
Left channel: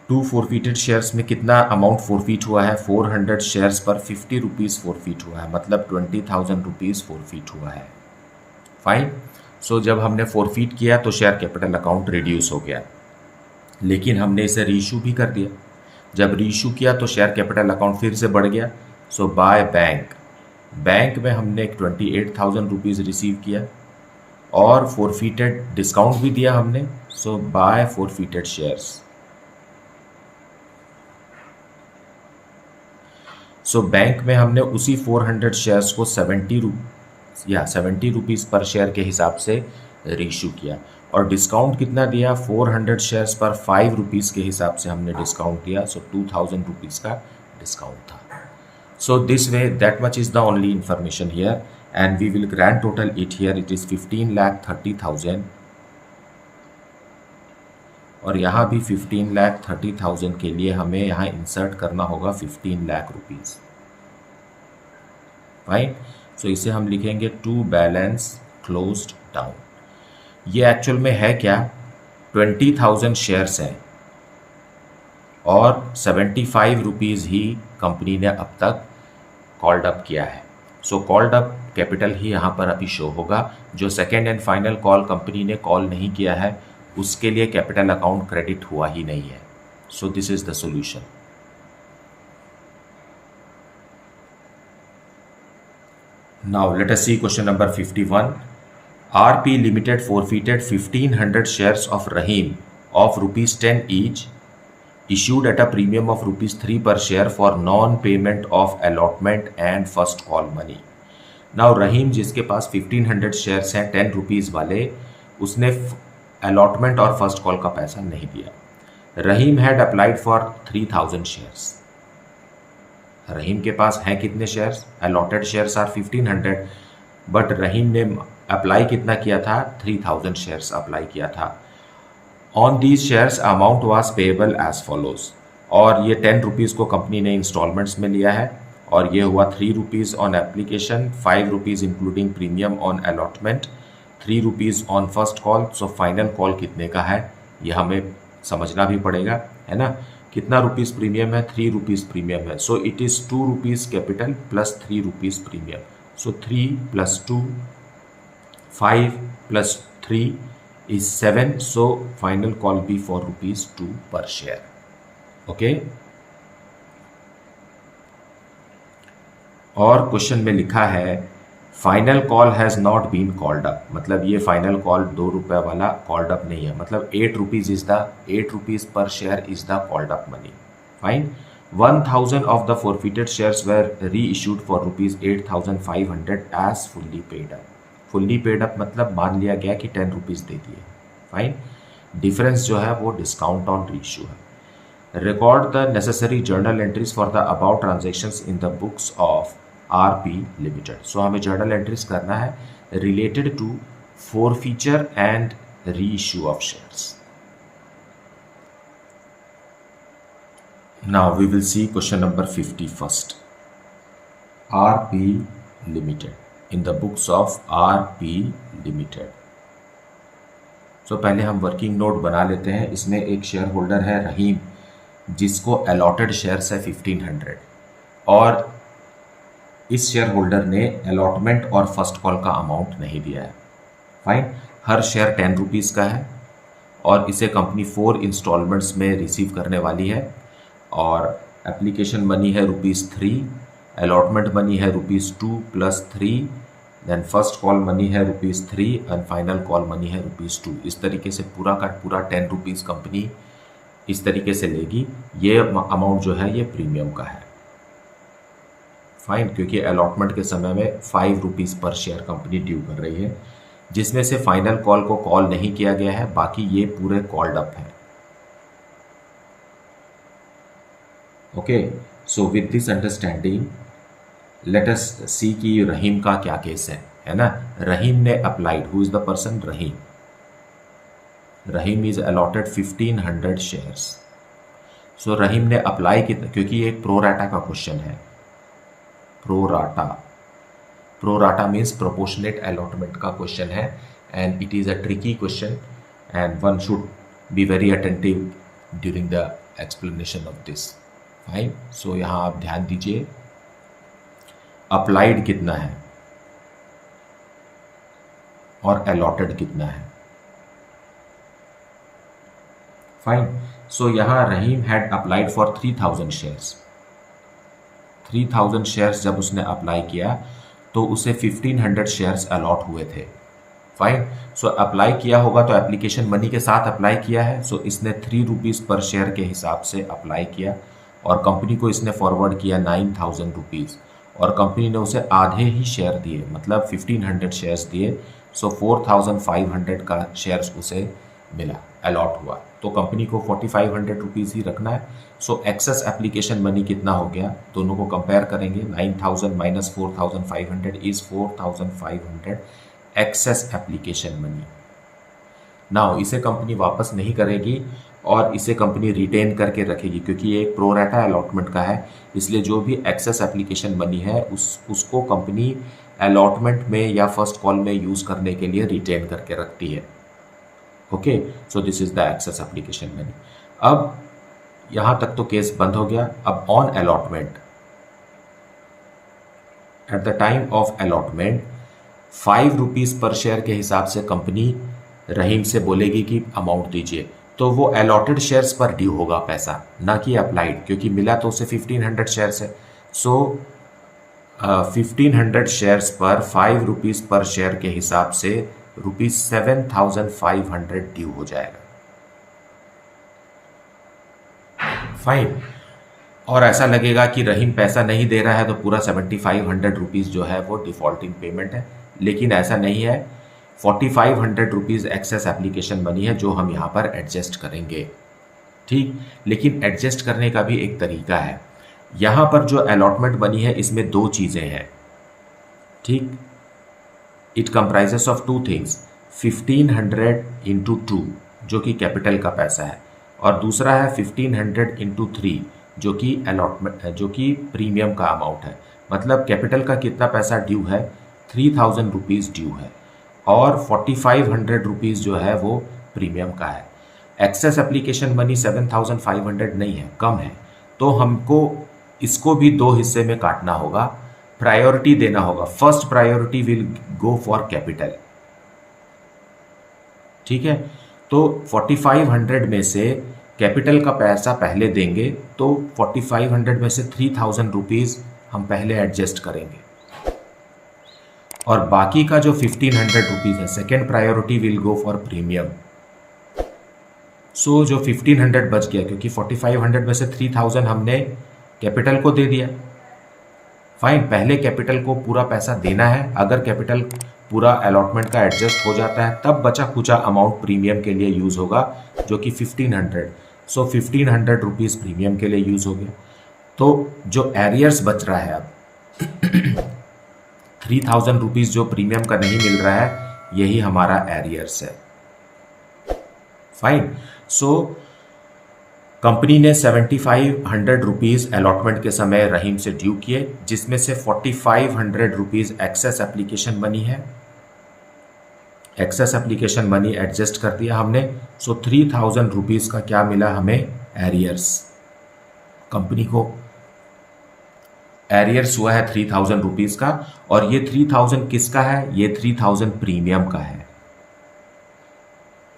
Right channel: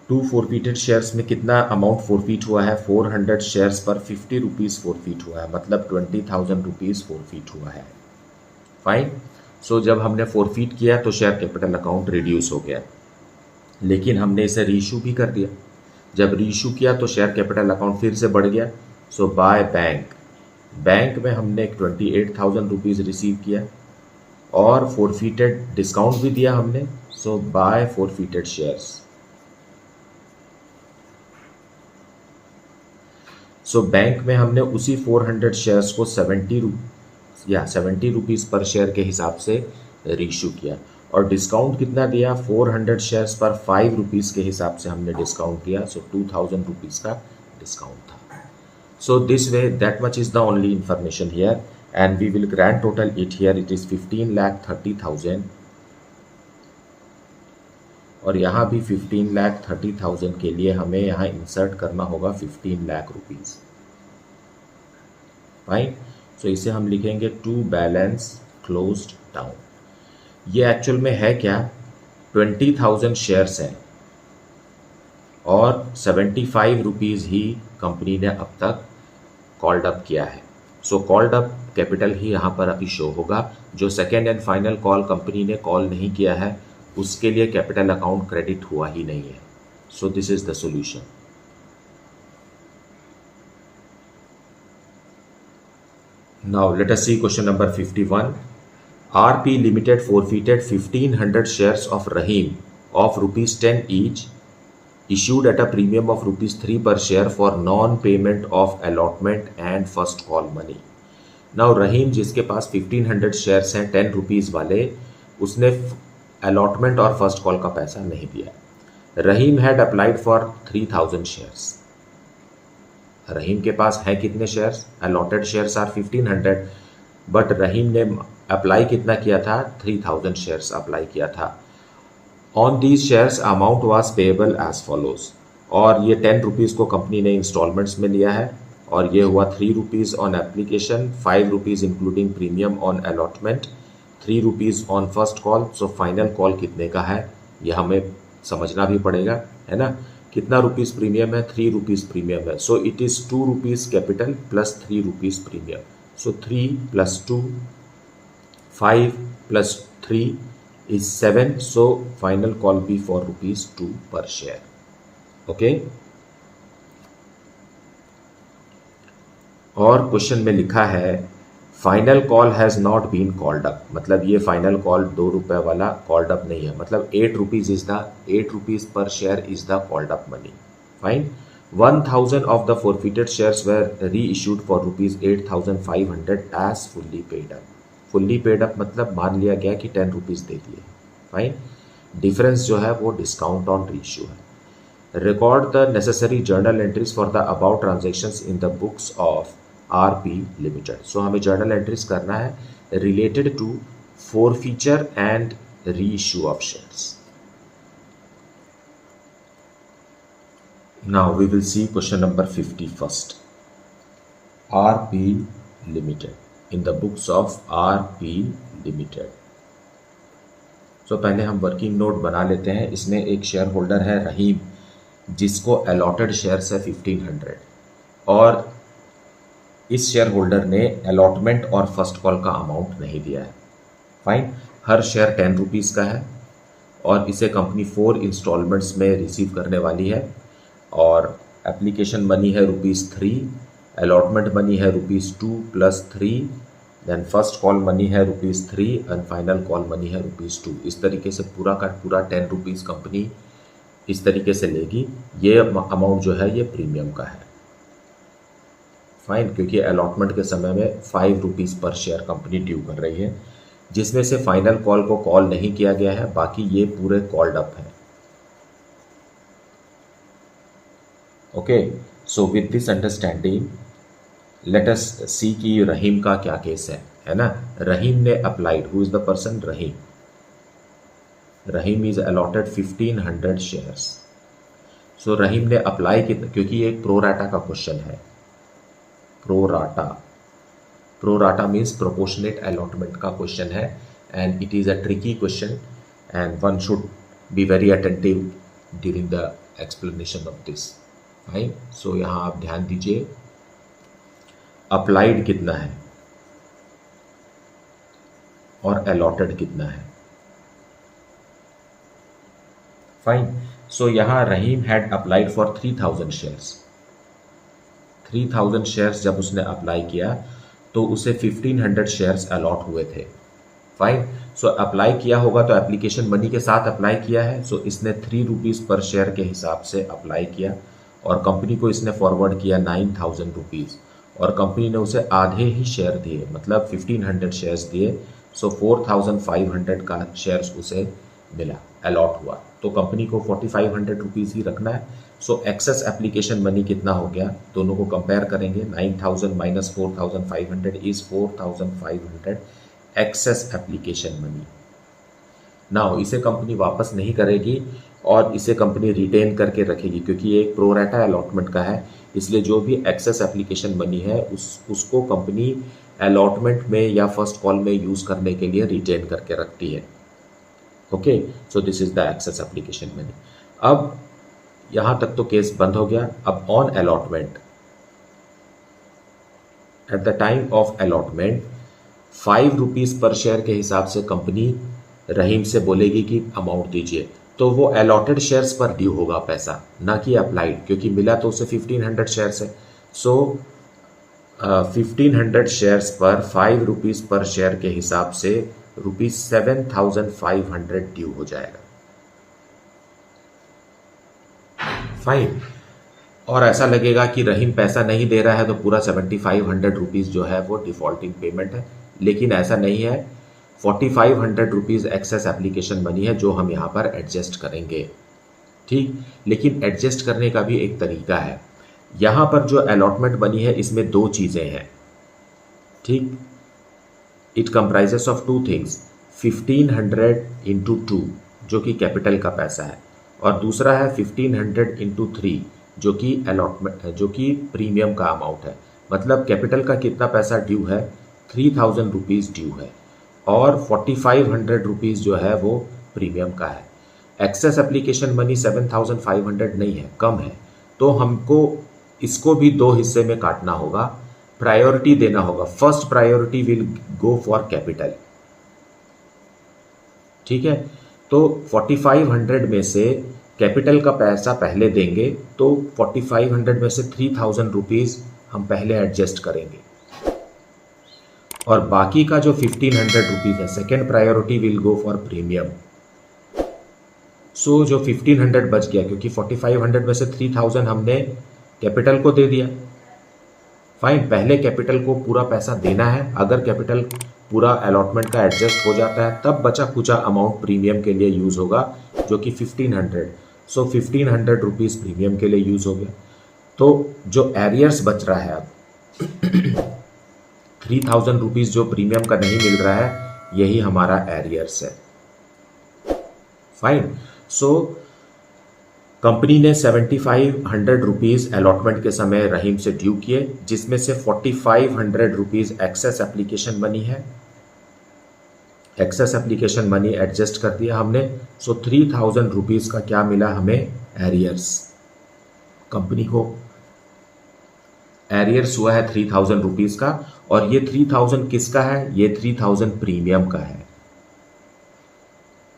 to forfeited shares में कितना अमाउंट फोरफीट हुआ है, 400 शेयर्स पर 50 रुपीज़ फोरफीट हुआ है, मतलब 20,000 रुपीज़ फोरफीट हुआ है. फाइन. सो जब हमने फोरफीट किया तो शेयर कैपिटल अकाउंट रिड्यूस हो गया, लेकिन हमने इसे रीइशू भी कर दिया. जब रीइशू किया तो शेयर कैपिटल अकाउंट फिर से बढ़ गया. सो बाय बैंक, बैंक में हमने 28,000 रुपीज़ रिसीव किया और फोरफीटेड डिस्काउंट भी दिया हमने. सो बाय फोरफीटेड शेयर्स. सो बैंक में हमने उसी 400 शेयर्स को 70 रुपीज़ पर शेयर के हिसाब से रीइशू किया और डिस्काउंट कितना दिया, 400 शेयर्स पर 5 रुपीज़ के हिसाब से हमने डिस्काउंट दिया. सो 2,000 रुपीज़ का डिस्काउंट था. So this way that much is the only information here and we will grand total it here. It is 15,30,000 और यहाँ भी 15,30,000 के लिए हमें यहाँ इंसर्ट करना होगा 15 लाख रुपीज़. फाइन. सो इसे हम लिखेंगे टू बैलेंस क्लोज्ड डाउन. ये एक्चुअल में है क्या, 20,000 शेयर्स हैं और 75 रुपीज़ ही कंपनी ने अब तक कॉल्ड अप किया है. सो कॉल्ड अप कैपिटल ही यहाँ पर अभी शो होगा. जो second and final call company ने कॉल नहीं किया है उसके लिए कैपिटल अकाउंट क्रेडिट हुआ ही नहीं है. So this is the solution. Now let us see question number 51. RP Limited forfeited 1,500 shares of Rahim of ₹10 each, issued at a premium of ₹3 per share for non-payment of allotment and first call money. Now Rahim जिसके पास 1,500 shares हैं 10 rupees वाले, उसने allotment और first call का पैसा नहीं दिया. Rahim had applied for 3,000 shares. Rahim के पास हैं कितने shares, allotted shares are 1,500, but Rahim ने अप्लाई कितना किया था, 3,000 शेयर्स अप्लाई किया था. On these shares amount was payable as follows. और ये 10 रुपीज़ को कंपनी ने इंस्टॉलमेंट्स में लिया है और ये हुआ 3 rupees on application, 5 rupees including premium on allotment, 3 rupees on first call. So final call कितने का है ये हमें समझना भी पड़ेगा, है ना. कितना रुपीज़ प्रीमियम है, 3 रुपीज़ प्रीमियम है. So it is 2 rupees capital plus 3 rupees premium. So 3 plus 2, 5 plus 3 is 7. So final call be for rupees 2 per share. Okay. और क्वेश्चन में लिखा है final call has not been called up. मतलब ये final call 2 रुपये वाला called up नहीं है. मतलब 8 rupees is the 8 rupees per share is the called up money. Fine. 1000 of the forfeited shares were reissued for rupees 8500 as fully paid up. Fully paid up मतलब मान लिया गया कि 10 रुपीज़ दे दिए. Fine. Difference जो है वो discount on reissue है. Record the necessary journal entries for the about transactions in the books of RP limited. So हमें जर्नल एंट्रीज करना है related to forfeiture and reissue of shares. Now we will see question number 50 first. RP limited in the books of RP limited. So पहले हम working note बना लेते हैं. इसमें एक शेयर होल्डर है रहीम, जिसको अलॉटेड शेयर्स है 1500 और इस शेयर होल्डर ने अलॉटमेंट और फर्स्ट कॉल का अमाउंट नहीं दिया है. फाइन. हर शेयर 10 रुपीज़ का है और इसे कंपनी 4 इंस्टॉलमेंट्स में रिसीव करने वाली है. और एप्लीकेशन मनी है ₹3, अलॉटमेंट मनी है ₹2 plus 3, then first call money है ₹3 एंड फाइनल कॉल मनी है ₹2. इस तरीके से पूरा का पूरा 10 रुपीज़ कंपनी इस तरीके से लेगी. ये अमाउंट जो है ये प्रीमियम का है. फाइन. क्योंकि अलॉटमेंट के समय में 5 rupees per share company due कर रही है, जिसमें से फाइनल कॉल को कॉल नहीं किया गया है. बाकी ये पूरे कॉल्ड अप है. Okay. So with this understanding let us see कि रहीम का क्या केस है ना. रहीम ने applied. Who is the person? Rahim. Rahim is allotted 1500 shares. So Rahim ने अप्लाई किया, क्योंकि ये एक प्रोराटा का क्वेश्चन है. प्रोराटा मीन्स प्रोपोर्शनेट अलॉटमेंट का क्वेश्चन है and it is a tricky question and one should be very attentive during the explanation of this. Fine. So यहाँ आप ध्यान दीजिए. अप्लाइड कितना है और अलॉटेड कितना है. फाइन. सो यहाँ Rahim had applied for 3000 shares. 3000 shares जब उसने अप्लाई किया तो उसे 1500 शेयर्स अलॉट हुए थे. फाइन. सो अप्लाई किया होगा तो एप्लीकेशन मनी के साथ अप्लाई किया है. सो इसने 3 रुपीज़ पर शेयर के हिसाब से अप्लाई किया और कंपनी को इसने फॉरवर्ड किया 9000 रुपीज़ और कंपनी ने उसे आधे ही शेयर दिए, मतलब 1500 शेयर्स दिए. सो 4500 का शेयर्स उसे मिला, अलॉट हुआ. तो कंपनी को 4500 रुपीज़ ही रखना है. सो एक्सेस एप्लीकेशन मनी कितना हो गया, दोनों को कंपेयर करेंगे. 9000 minus 4500 is 4500 excess application money. Now इसे कंपनी वापस नहीं करेगी और इसे कंपनी रिटेन करके रखेगी, क्योंकि ये एक प्रोराटा अलॉटमेंट का है. इसलिए जो भी एक्सेस एप्लीकेशन मनी है उसको कंपनी अलॉटमेंट में या फर्स्ट कॉल में यूज़ करने के लिए रिटेन करके रखती है. Okay. So this is the excess application money. अब यहाँ तक तो केस बंद हो गया. अब on allotment, at the time of allotment 5 rupees per share के हिसाब से कंपनी रहीम से बोलेगी कि अमाउंट दीजिए. तो वो अलॉटेड शेयर्स पर ड्यू होगा पैसा, ना कि अप्लाइड, क्योंकि मिला तो उसे 1500 शेयर्स है. सो 1500 शेयर्स पर 5 रुपीज़ पर शेयर के हिसाब से ₹7500 ड्यू हो जाएगा. फाइन. और ऐसा लगेगा कि रहीम पैसा नहीं दे रहा है तो पूरा 7500 रुपीज़ जो है वो डिफ़ॉल्टिंग पेमेंट है, लेकिन ऐसा नहीं है. 4500 रुपीज़ एक्सेस एप्लीकेशन मनी है जो हम यहाँ पर एडजस्ट करेंगे. ठीक. लेकिन एडजस्ट करने का भी एक तरीका है. यहाँ पर जो अलॉटमेंट मनी है इसमें 2 चीज़ें हैं. ठीक. It comprises of 2 things. 1500 into 2 जो कि कैपिटल का पैसा है, और दूसरा है 1500 इंटू 3 जो कि अलॉटमेंट है, जो कि प्रीमियम का अमाउंट है. मतलब कैपिटल का कितना पैसा ड्यू है, 3000 रुपीज़ ड्यू है, और 4500 रुपीज़ जो है वो प्रीमियम का है. एक्सेस एप्लीकेशन मनी 7,500 नहीं है, कम है, तो हमको इसको भी दो हिस्से में काटना होगा, प्रायोरिटी देना होगा। First priority will go for capital, ठीक है। तो 4500 में से कैपिटल का पैसा पहले देंगे, तो 4500 में से 3000 रुपीज़ हम पहले एडजस्ट करेंगे, और बाकी का जो 1500 रुपीज़ है second priority will go for premium. So जो 1500 बच गया, क्योंकि 4500 में से 3000 हमने कैपिटल को दे दिया, फाइन, पहले कैपिटल को पूरा पैसा देना है। अगर कैपिटल पूरा अलॉटमेंट का एडजस्ट हो जाता है तब बचा खुचा अमाउंट प्रीमियम के लिए यूज़ होगा, जो कि 1500। सो 1500 रुपीज़ प्रीमियम के लिए यूज़ हो गया। तो जो एरियर्स बच रहा है अब 3000 रुपीज़ जो प्रीमियम का नहीं मिल रहा है, यही हमारा एरियर्स है, फाइन। सो कंपनी ने 7500 रुपीज़ अलॉटमेंट के समय रहीम से ड्यू किए, जिसमें से 4500 रुपीज़ एक्सेस एप्लीकेशन मनी है। एक्सेस एप्लीकेशन मनी एडजस्ट कर दिया हमने। सो 3000 रुपीज़ का क्या मिला हमें, एरियर्स। कंपनी को एरियर्स हुआ है 3000 रुपीज़ का, और ये 3000 किसका है, ये 3000 प्रीमियम का है।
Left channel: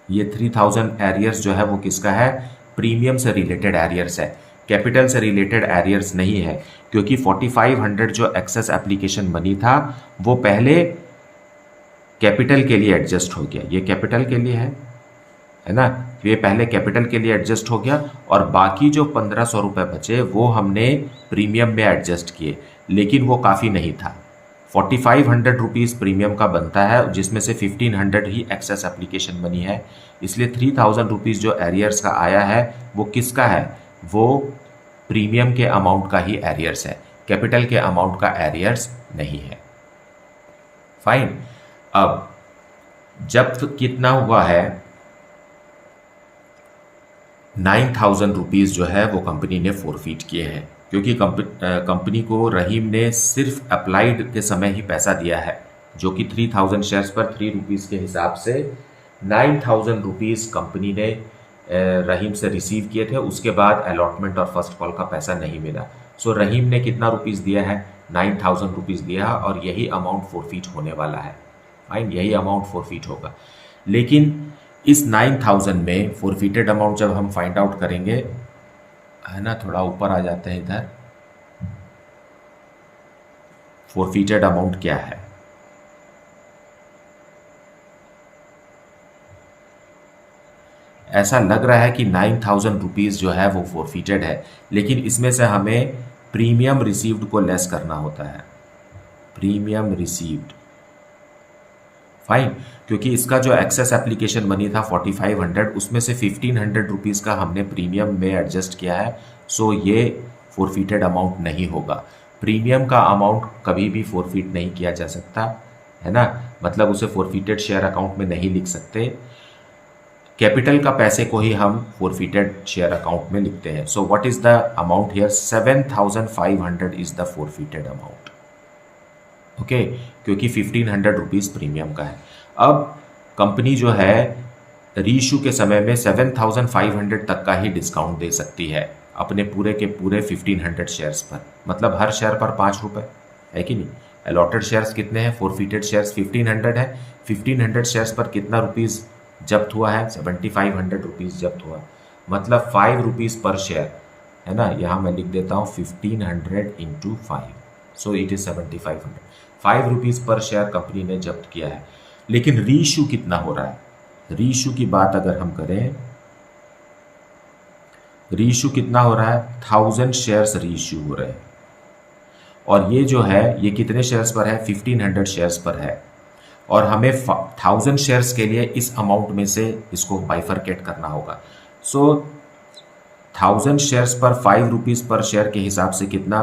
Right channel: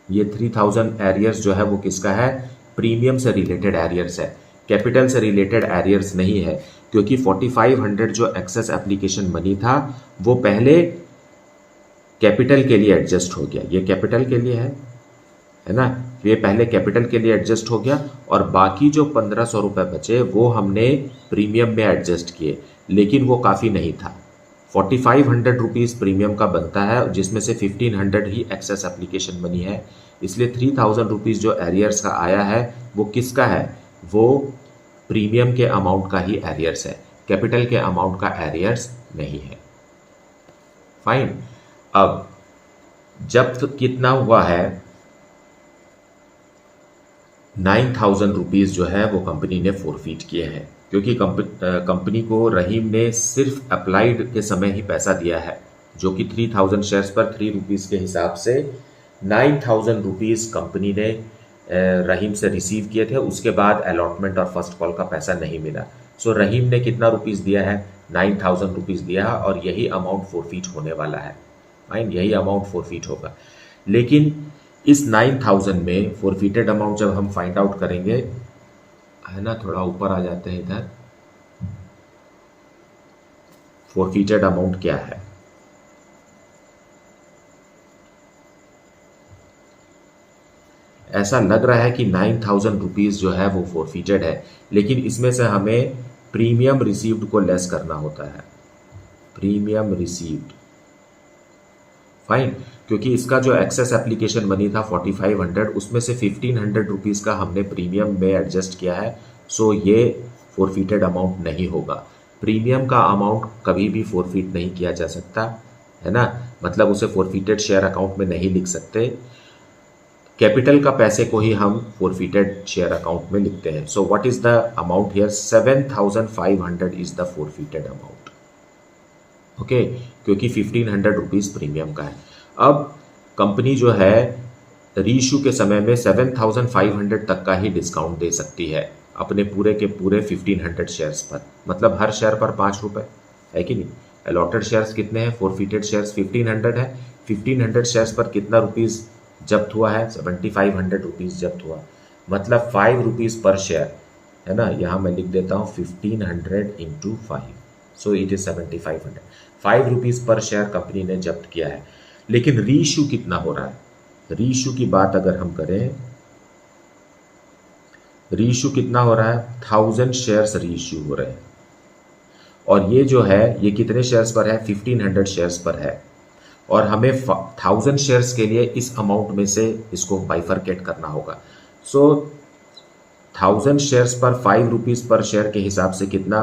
ये 3000 एरियर्स जो है वो किसका है, प्रीमियम से रिलेटेड एरियर्स है, कैपिटल से रिलेटेड एरियर्स नहीं है, क्योंकि 4500 जो एक्सेस एप्लीकेशन मनी था वो पहले कैपिटल के लिए एडजस्ट हो गया। ये कैपिटल के लिए है ना, ये पहले कैपिटल के लिए एडजस्ट हो गया, और बाकी जो 1500 रुपये बचे वो हमने प्रीमियम में एडजस्ट किए, लेकिन वो काफ़ी नहीं था। 4500 रुपीज़ प्रीमियम का बनता है, जिसमें से 1500 ही एक्सेस एप्लीकेशन मनी है, इसलिए 3000 रुपीज़ जो एरियर्स का आया है वो किसका है, वो प्रीमियम के अमाउंट का ही एरियर्स है, कैपिटल के अमाउंट का एरियर्स नहीं है, फाइन। अब जब कितना हुआ है, 9000 रुपीज़ जो है वो कंपनी ने फोरफीट किए हैं, क्योंकि कंपनी को रहीम ने सिर्फ अप्लाइड के समय ही पैसा दिया है, जो कि 3000 शेयर्स पर 3 रुपीज़ के हिसाब से 9000 रुपीज़ कंपनी ने रहीम से रिसीव किए थे। उसके बाद अलॉटमेंट और फर्स्ट कॉल का पैसा नहीं मिला। सो रहीम ने कितना रुपीज़ दिया है, 9000 रुपीज़ दिया है, और यही अमाउंट फोरफीट होने वाला है, फाइन, यही अमाउंट फोरफीट होगा। लेकिन इस 9000 में फोरफीटेड अमाउंट जब हम फाइंड आउट करेंगे, है ना, थोड़ा ऊपर आ जाते हैं इधर, फोरफीटेड अमाउंट क्या है, ऐसा लग रहा है कि 9000 रुपीज़ जो है वो फोरफीटेड है, लेकिन इसमें से हमें प्रीमियम रिसीव्ड को लेस करना होता है, प्रीमियम रिसीव्ड, फाइन, क्योंकि इसका जो एक्सेस एप्लीकेशन मनी था 4500, उसमें से 1500 रुपीज़ का हमने प्रीमियम में एडजस्ट किया है। सो ये फोरफीटेड अमाउंट नहीं होगा। प्रीमियम का अमाउंट कभी भी फोरफीट नहीं किया जा सकता, है ना, मतलब उसे फोरफीटेड शेयर अकाउंट में नहीं लिख सकते। कैपिटल का पैसे को ही हम फोरफीटेड शेयर अकाउंट में लिखते हैं। So what is the amount here, 7500 is the forfeited amount, okay, क्योंकि 1500 रुपीज़ प्रीमियम का है। अब कंपनी जो है रीइशू के समय में 7500 तक का ही डिस्काउंट दे सकती है अपने पूरे के पूरे 1500 शेयर्स पर, मतलब हर शेयर पर 5 रुपये, है कि नहीं। अलॉटेड शेयर्स कितने हैं, फोरफीटेड शेयर्स 1500 है, 1500 शेयर्स पर कितना रुपीज़ जब्त हुआ है, 7500 रुपीज़ जब्त हुआ, मतलब 5 रुपीज़ पर शेयर, है ना। यहाँ मैं लिख देता हूँ 1500 into 5, so it is 7500, 5 rupees per share company ने जब्त किया है। लेकिन रीइशू कितना हो रहा है, रीइशू की बात अगर हम करें, रीइशू कितना हो रहा है, 1000 शेयर्स रीइशू हो रहे हैं, और ये जो है ये कितने शेयर्स पर है, 1500 शेयर्स पर है, और हमें 1000 शेयर्स के लिए इस अमाउंट में से इसको बाइफरकेट करना होगा। सो 1000 शेयर्स पर 5 रुपीज़ पर शेयर के हिसाब से कितना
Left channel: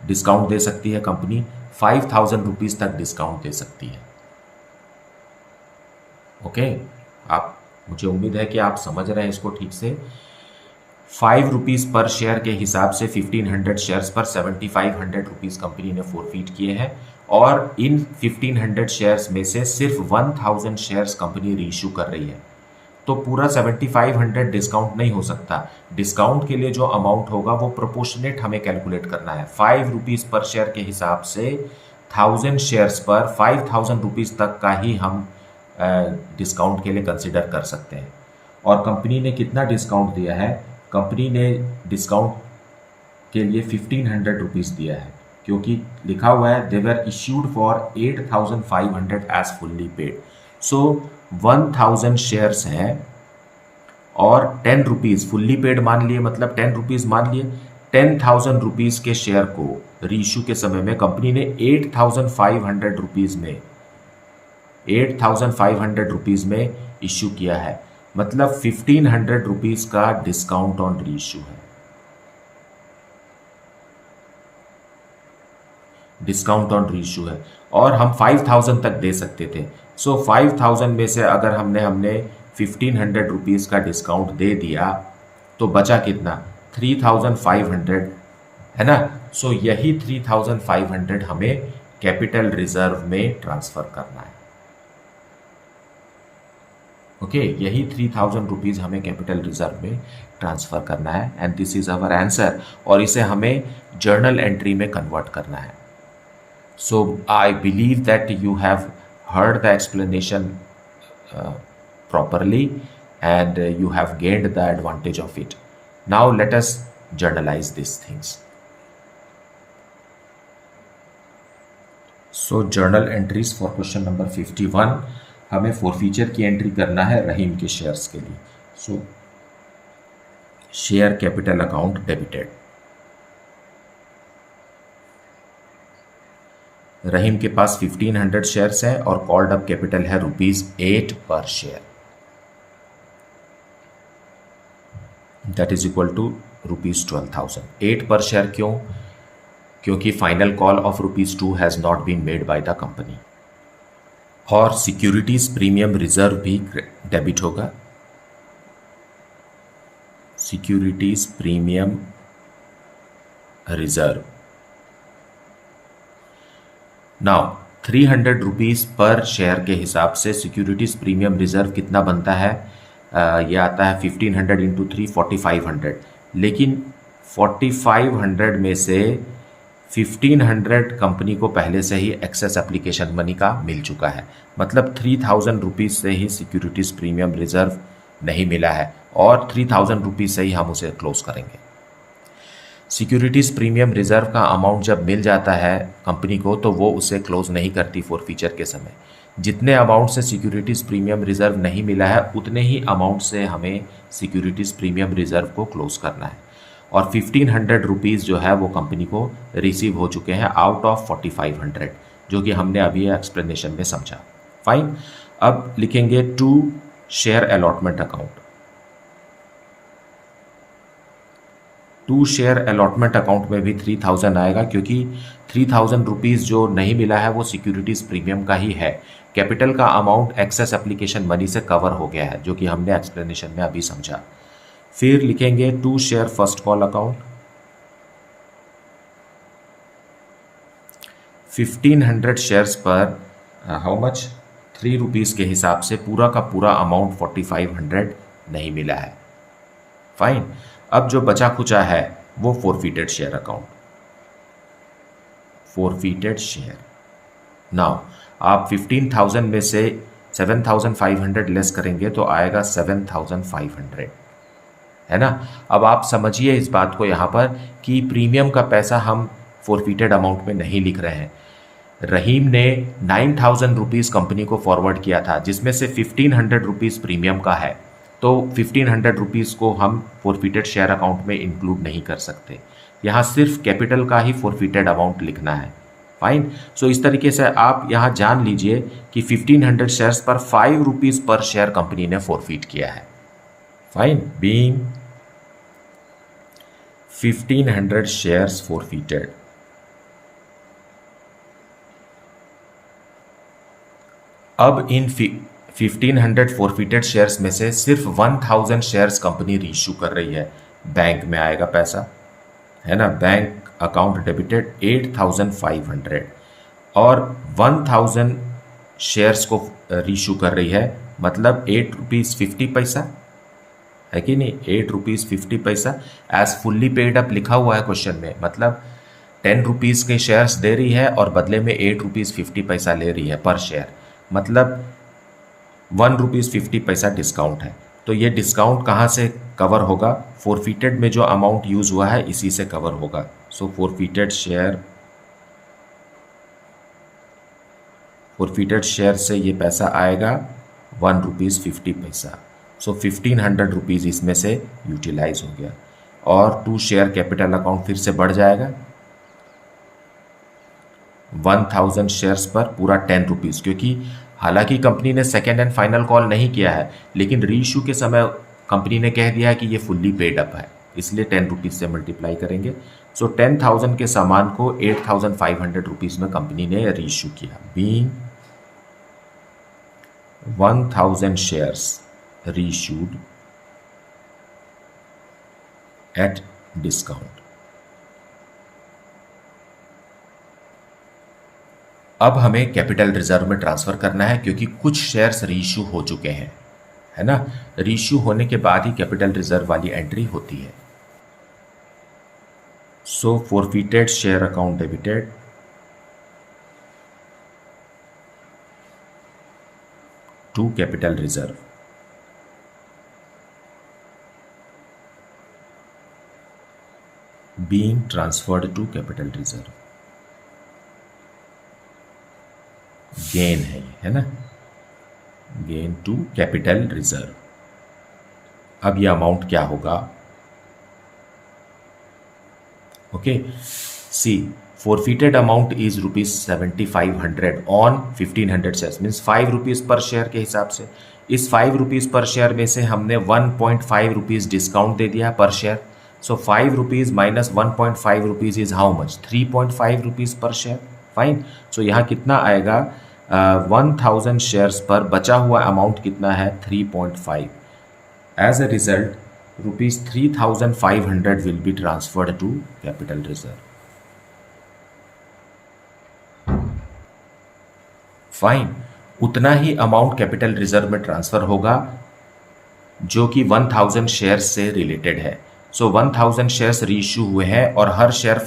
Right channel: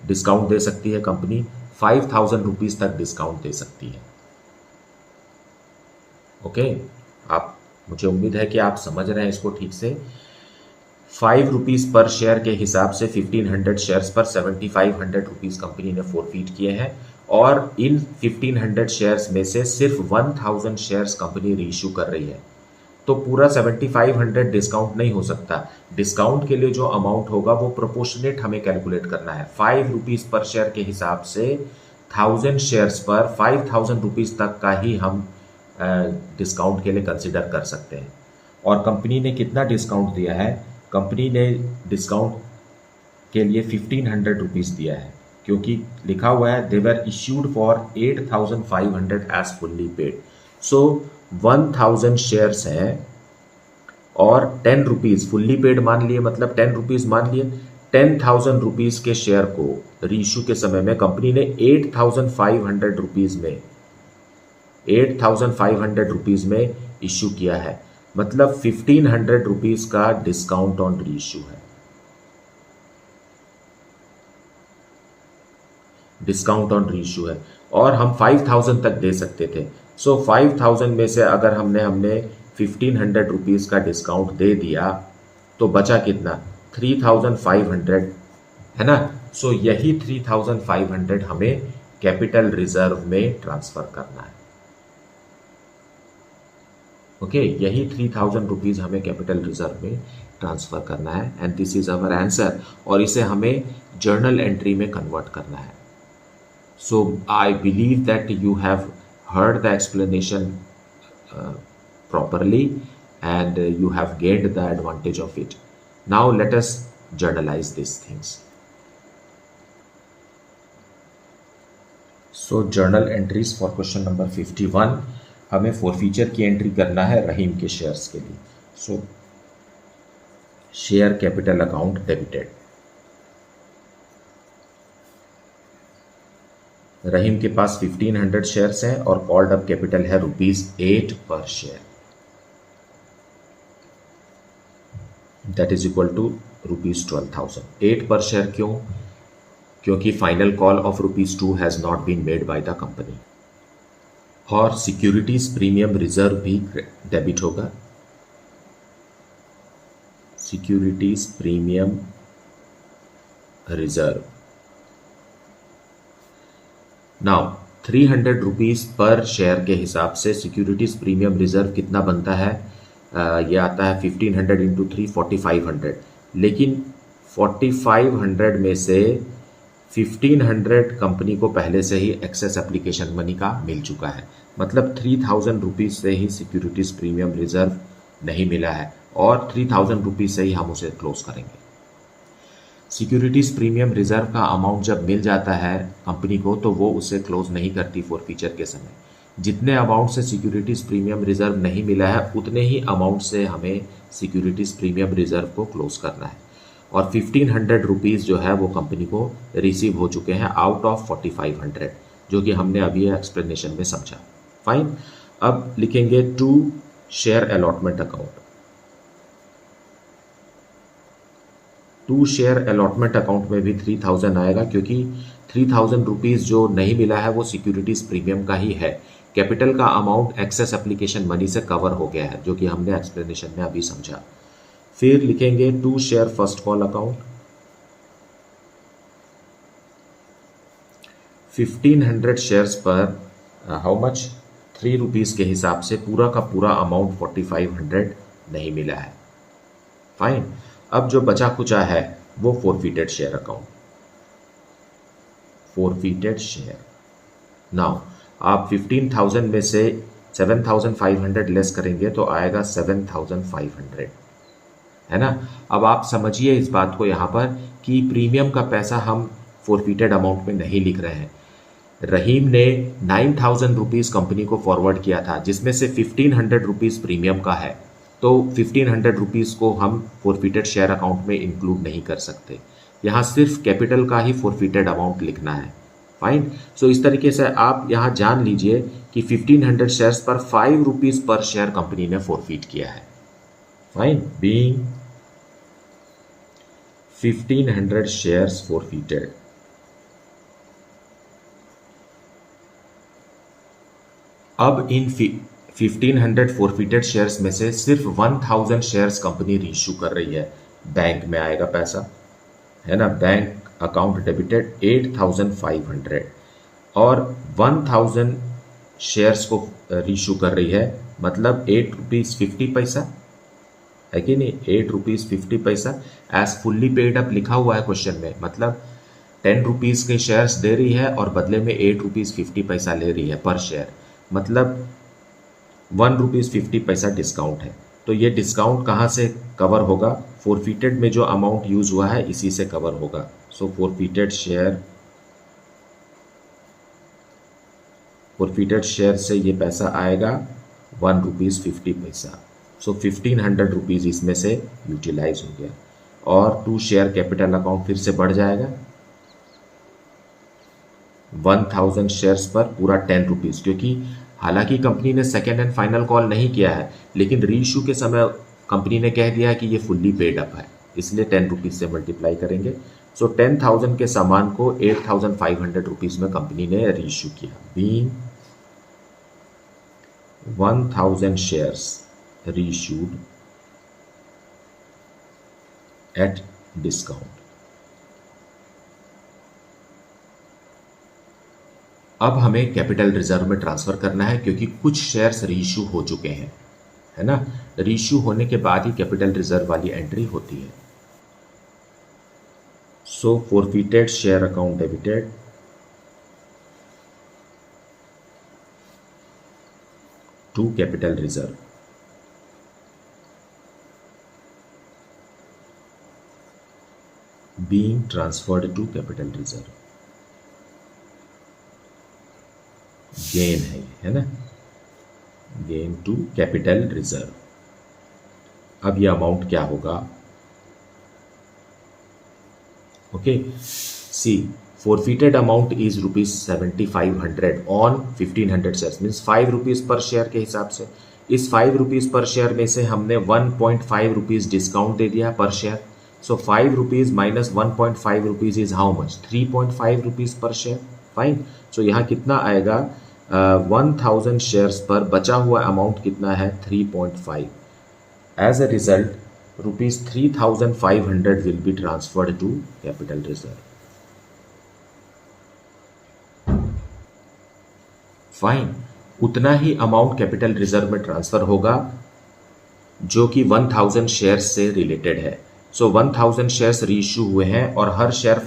डिस्काउंट दे सकती है कंपनी, 5000 रुपीज़ तक डिस्काउंट दे सकती है, ओके। आप, मुझे उम्मीद है कि आप समझ रहे हैं इसको ठीक से। 5 रुपीज़ पर शेयर के हिसाब से 1500 शेयर्स पर 7500 रुपीज़ कंपनी ने फोरफीट किए हैं, और इन 1500 शेयर्स में से सिर्फ 1000 शेयर्स कंपनी रीइशू कर रही है, तो पूरा 7500 डिस्काउंट नहीं हो सकता। डिस्काउंट के लिए जो अमाउंट होगा वो प्रोपोर्शनेट हमें कैलकुलेट करना है। 5 रुपीज़ पर शेयर के हिसाब से 1000 शेयर्स पर 5000 रुपीज़ तक का ही हम डिस्काउंट के लिए कंसिडर कर सकते हैं। और कंपनी ने कितना डिस्काउंट दिया है? कंपनी ने डिस्काउंट के लिए 1500 रुपीज़ दिया है, क्योंकि लिखा हुआ है they were issued for 8500 as fully paid. So 1000 shares हैं और 10 रुपीज़ फुल्ली पेड मान लिए, मतलब 10 रुपीज़ मान लिए। 10,000 रुपीज़ के शेयर को रीइश्यू के समय में कंपनी ने 8500 रुपीज़ में 8500 रुपीज़ में इश्यू किया है, मतलब 1500 रुपीज़ का डिस्काउंट ऑन रीइश्यू है। डिस्काउंट ऑन रीइश्यू है और हम 5000 तक दे सकते थे। सो 5000 में से अगर हमने 1500 रुपीज़ का डिस्काउंट दे दिया तो बचा कितना? 3500, है ना। सो यही 3500 हमें कैपिटल रिजर्व में ट्रांसफर करना है। ओके, यही 3000 रुपीज़ हमें कैपिटल रिजर्व में ट्रांसफर करना है and this is our answer. और इसे हमें जर्नल एंट्री में कन्वर्ट करना है। So I believe that you have heard the explanation properly and you have gained the advantage of it. Now let us journalize these things. So journal entries for question number 51. हमें forfeiture की entry करना है रहीम के shares के लिए। So share capital account debited. Rahim के पास 1500 shares हैं और कॉल्ड अप कैपिटल है ₹8 per share, that is equal to ₹12,000। 8 per share क्यों? क्योंकि final call of ₹2 has not been made by the company. और सिक्योरिटीज प्रीमियम रिजर्व भी डेबिट होगा। Securities premium reserve now 300 rupees per share के हिसाब से securities premium reserve कितना बनता है? ये आता है 1500 इंटू 3 4500। लेकिन 4500 में से 1500 कंपनी को पहले से ही एक्सेस एप्लीकेशन मनी का मिल चुका है, मतलब 3000 रुपीज़ से ही सिक्योरिटीज प्रीमियम रिजर्व नहीं मिला है और 3000 रुपीज़ से ही हम उसे क्लोज करेंगे। सिक्योरिटीज़ प्रीमियम रिजर्व का अमाउंट जब मिल जाता है कंपनी को तो वो उसे क्लोज नहीं करती फॉरफीचर के समय। जितने अमाउंट से सिक्योरिटीज़ प्रीमियम रिजर्व नहीं मिला है उतने ही अमाउंट से हमें सिक्योरिटीज़ प्रीमियम रिजर्व को क्लोज करना है। और 1500 रुपीज़ जो है वो कंपनी को रिसीव हो चुके हैं आउट ऑफ 4500, जो कि हमने अभी एक्सप्लेनेशन में समझा। फाइन, अब लिखेंगे to share allotment account. To share allotment account में भी 3000 आएगा, क्योंकि 3000 रुपीज़ जो नहीं मिला है वो सिक्योरिटीज़ प्रीमियम का ही है। कैपिटल का अमाउंट एक्सेस एप्लीकेशन मनी से कवर हो गया है, जो कि हमने एक्सप्लेनेशन में अभी समझा। फिर लिखेंगे to share first call account. 1500 shares पर हाउ मच 3 रुपीज़ के हिसाब से पूरा का पूरा अमाउंट 4500 नहीं मिला है। फाइन, अब जो बचा कुचा है वो फॉरफीटेड शेयर अकाउंट। फॉरफीटेड शेयर नाउ आप 15,000 में से 7,500 लेस करेंगे तो आएगा 7,500, है ना। अब आप समझिए इस बात को यहाँ पर कि प्रीमियम का पैसा हम फॉरफीटेड अमाउंट में नहीं लिख रहे हैं। रहीम ने 9,000 रुपीज़ कंपनी को फॉरवर्ड किया था, जिसमें से 1500 रुपीज़ प्रीमियम का है, तो 1500 रुपीज़ को हम फॉरफीटेड शेयर अकाउंट में इंक्लूड नहीं कर सकते। यहाँ सिर्फ कैपिटल का ही फॉरफीटेड अमाउंट लिखना है। फाइन, सो इस तरीके से आप यहाँ जान लीजिए कि 1500 शेयर्स पर 5 रुपीज़ पर शेयर कंपनी ने फॉरफीट किया है। Fine, being 1500 shares forfeited. अब इन 1500 फॉरफीटेड शेयर्स में से सिर्फ 1000 शेयर्स कंपनी रीइश्यू कर रही है। बैंक में आएगा पैसा, है ना, बैंक अकाउंट डेबिटेड 8500 और 1000 शेयर्स को रीइश्यू कर रही है मतलब 8 रुपीज़ 50 पैसा है कि नहीं, 8 रुपीज़ 50 पैसा एज फुल्ली पेड अप लिखा हुआ है क्वेश्चन में, मतलब 10 रुपीज़ के शेयर्स दे रही है और बदले में 8 रुपीज़ 50 पैसा ले रही है पर शेयर, मतलब 1 रुपीज़ 50 पैसा डिस्काउंट है। तो ये डिस्काउंट कहाँ से कवर होगा, फोरफिटेड में जो अमाउंट यूज़ हुआ है इसी से कवर होगा। सो फोरफिटेड शेयर से ये पैसा आएगा 1 रुपीज़ 50 पैसा। सो 1500 रुपीज़ इसमें से यूटिलाइज हो गया और 2 शेयर कैपिटल अकाउंट फिर से बढ़ जाएगा 1000 शेयर्स पर पूरा 10 रुपीज़, क्योंकि हालांकि कंपनी ने सेकेंड एंड फाइनल कॉल नहीं किया है, लेकिन रीइश्यू के समय कंपनी ने कह दिया है कि ये फुल्ली पेड अप है, इसलिए 10 रुपीज़ से मल्टीप्लाई करेंगे। सो 10,000 के सामान को 8,500 रुपीज़ में कंपनी ने रीइश्यू किया। Being 1000 shares reissued at discount. अब हमें कैपिटल रिजर्व में ट्रांसफर करना है, क्योंकि कुछ शेयर्स रीइश्यू हो चुके हैं, है ना। रीइश्यू होने के बाद ही कैपिटल रिजर्व वाली एंट्री होती है। So forfeited share account debited to capital reserve. Being transferred to capital reserve. Gain है ना, गेन टू कैपिटल रिजर्व। अब ये अमाउंट क्या होगा, okay see forfeited amount is ₹7500 on 1500 shares, means 5 rupees per share के हिसाब से। इस 5 रुपीज़ पर शेयर में से हमने 1.5 रुपीज़ डिस्काउंट दे दिया per share. So 5 rupees minus 1.5 rupees is how much, 3.5 rupees per share. Fine. So यहाँ कितना आएगा, 1000 शेयर्स पर बचा हुआ अमाउंट कितना है, 3.5। As a result ₹3,500 will be transferred to capital reserve. Fine. उतना ही अमाउंट कैपिटल रिजर्व में ट्रांसफर होगा जो कि 1000 शेयर्स से रिलेटेड है। सो 1000 शेयर्स रीइश्यू हुए हैं और हर शेयर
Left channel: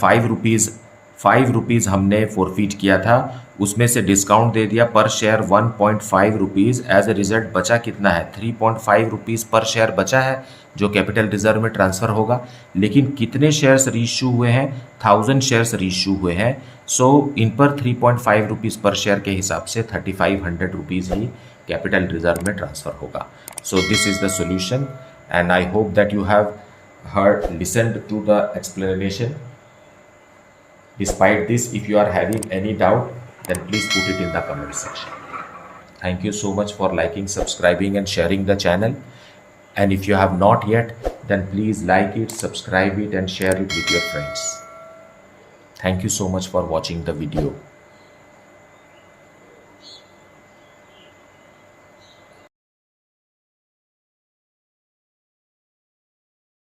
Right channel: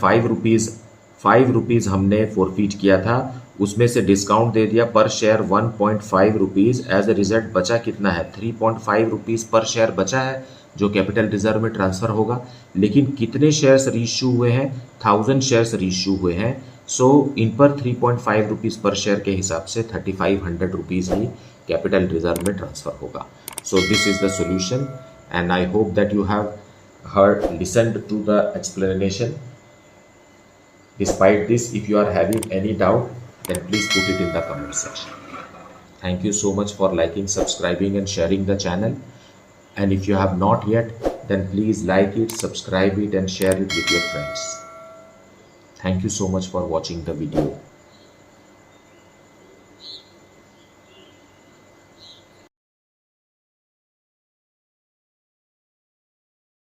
5 रुपीज़ हमने फोरफिट किया था, उसमें से डिस्काउंट दे दिया per share 1.5 rupees. As a result बचा कितना है, 3.5 रुपीज़ पर शेयर बचा है जो कैपिटल रिजर्व में ट्रांसफ़र होगा। लेकिन कितने शेयर्स रीइश्यू हुए हैं, 1000 शेयर्स रीइश्यू हुए हैं। सो इन पर 3.5 रुपीज़ पर शेयर के हिसाब से 3500 रुपीज़ ही कैपिटल रिजर्व में ट्रांसफ़र होगा। So this is the solution and I hope that you have listened to the explanation. Despite this, if you are having any doubt, then please put it in the comment section. Thank you so much for liking, subscribing and sharing the channel. And if you have not yet, then please like it, subscribe it and share it with your friends. Thank you so much for watching the video.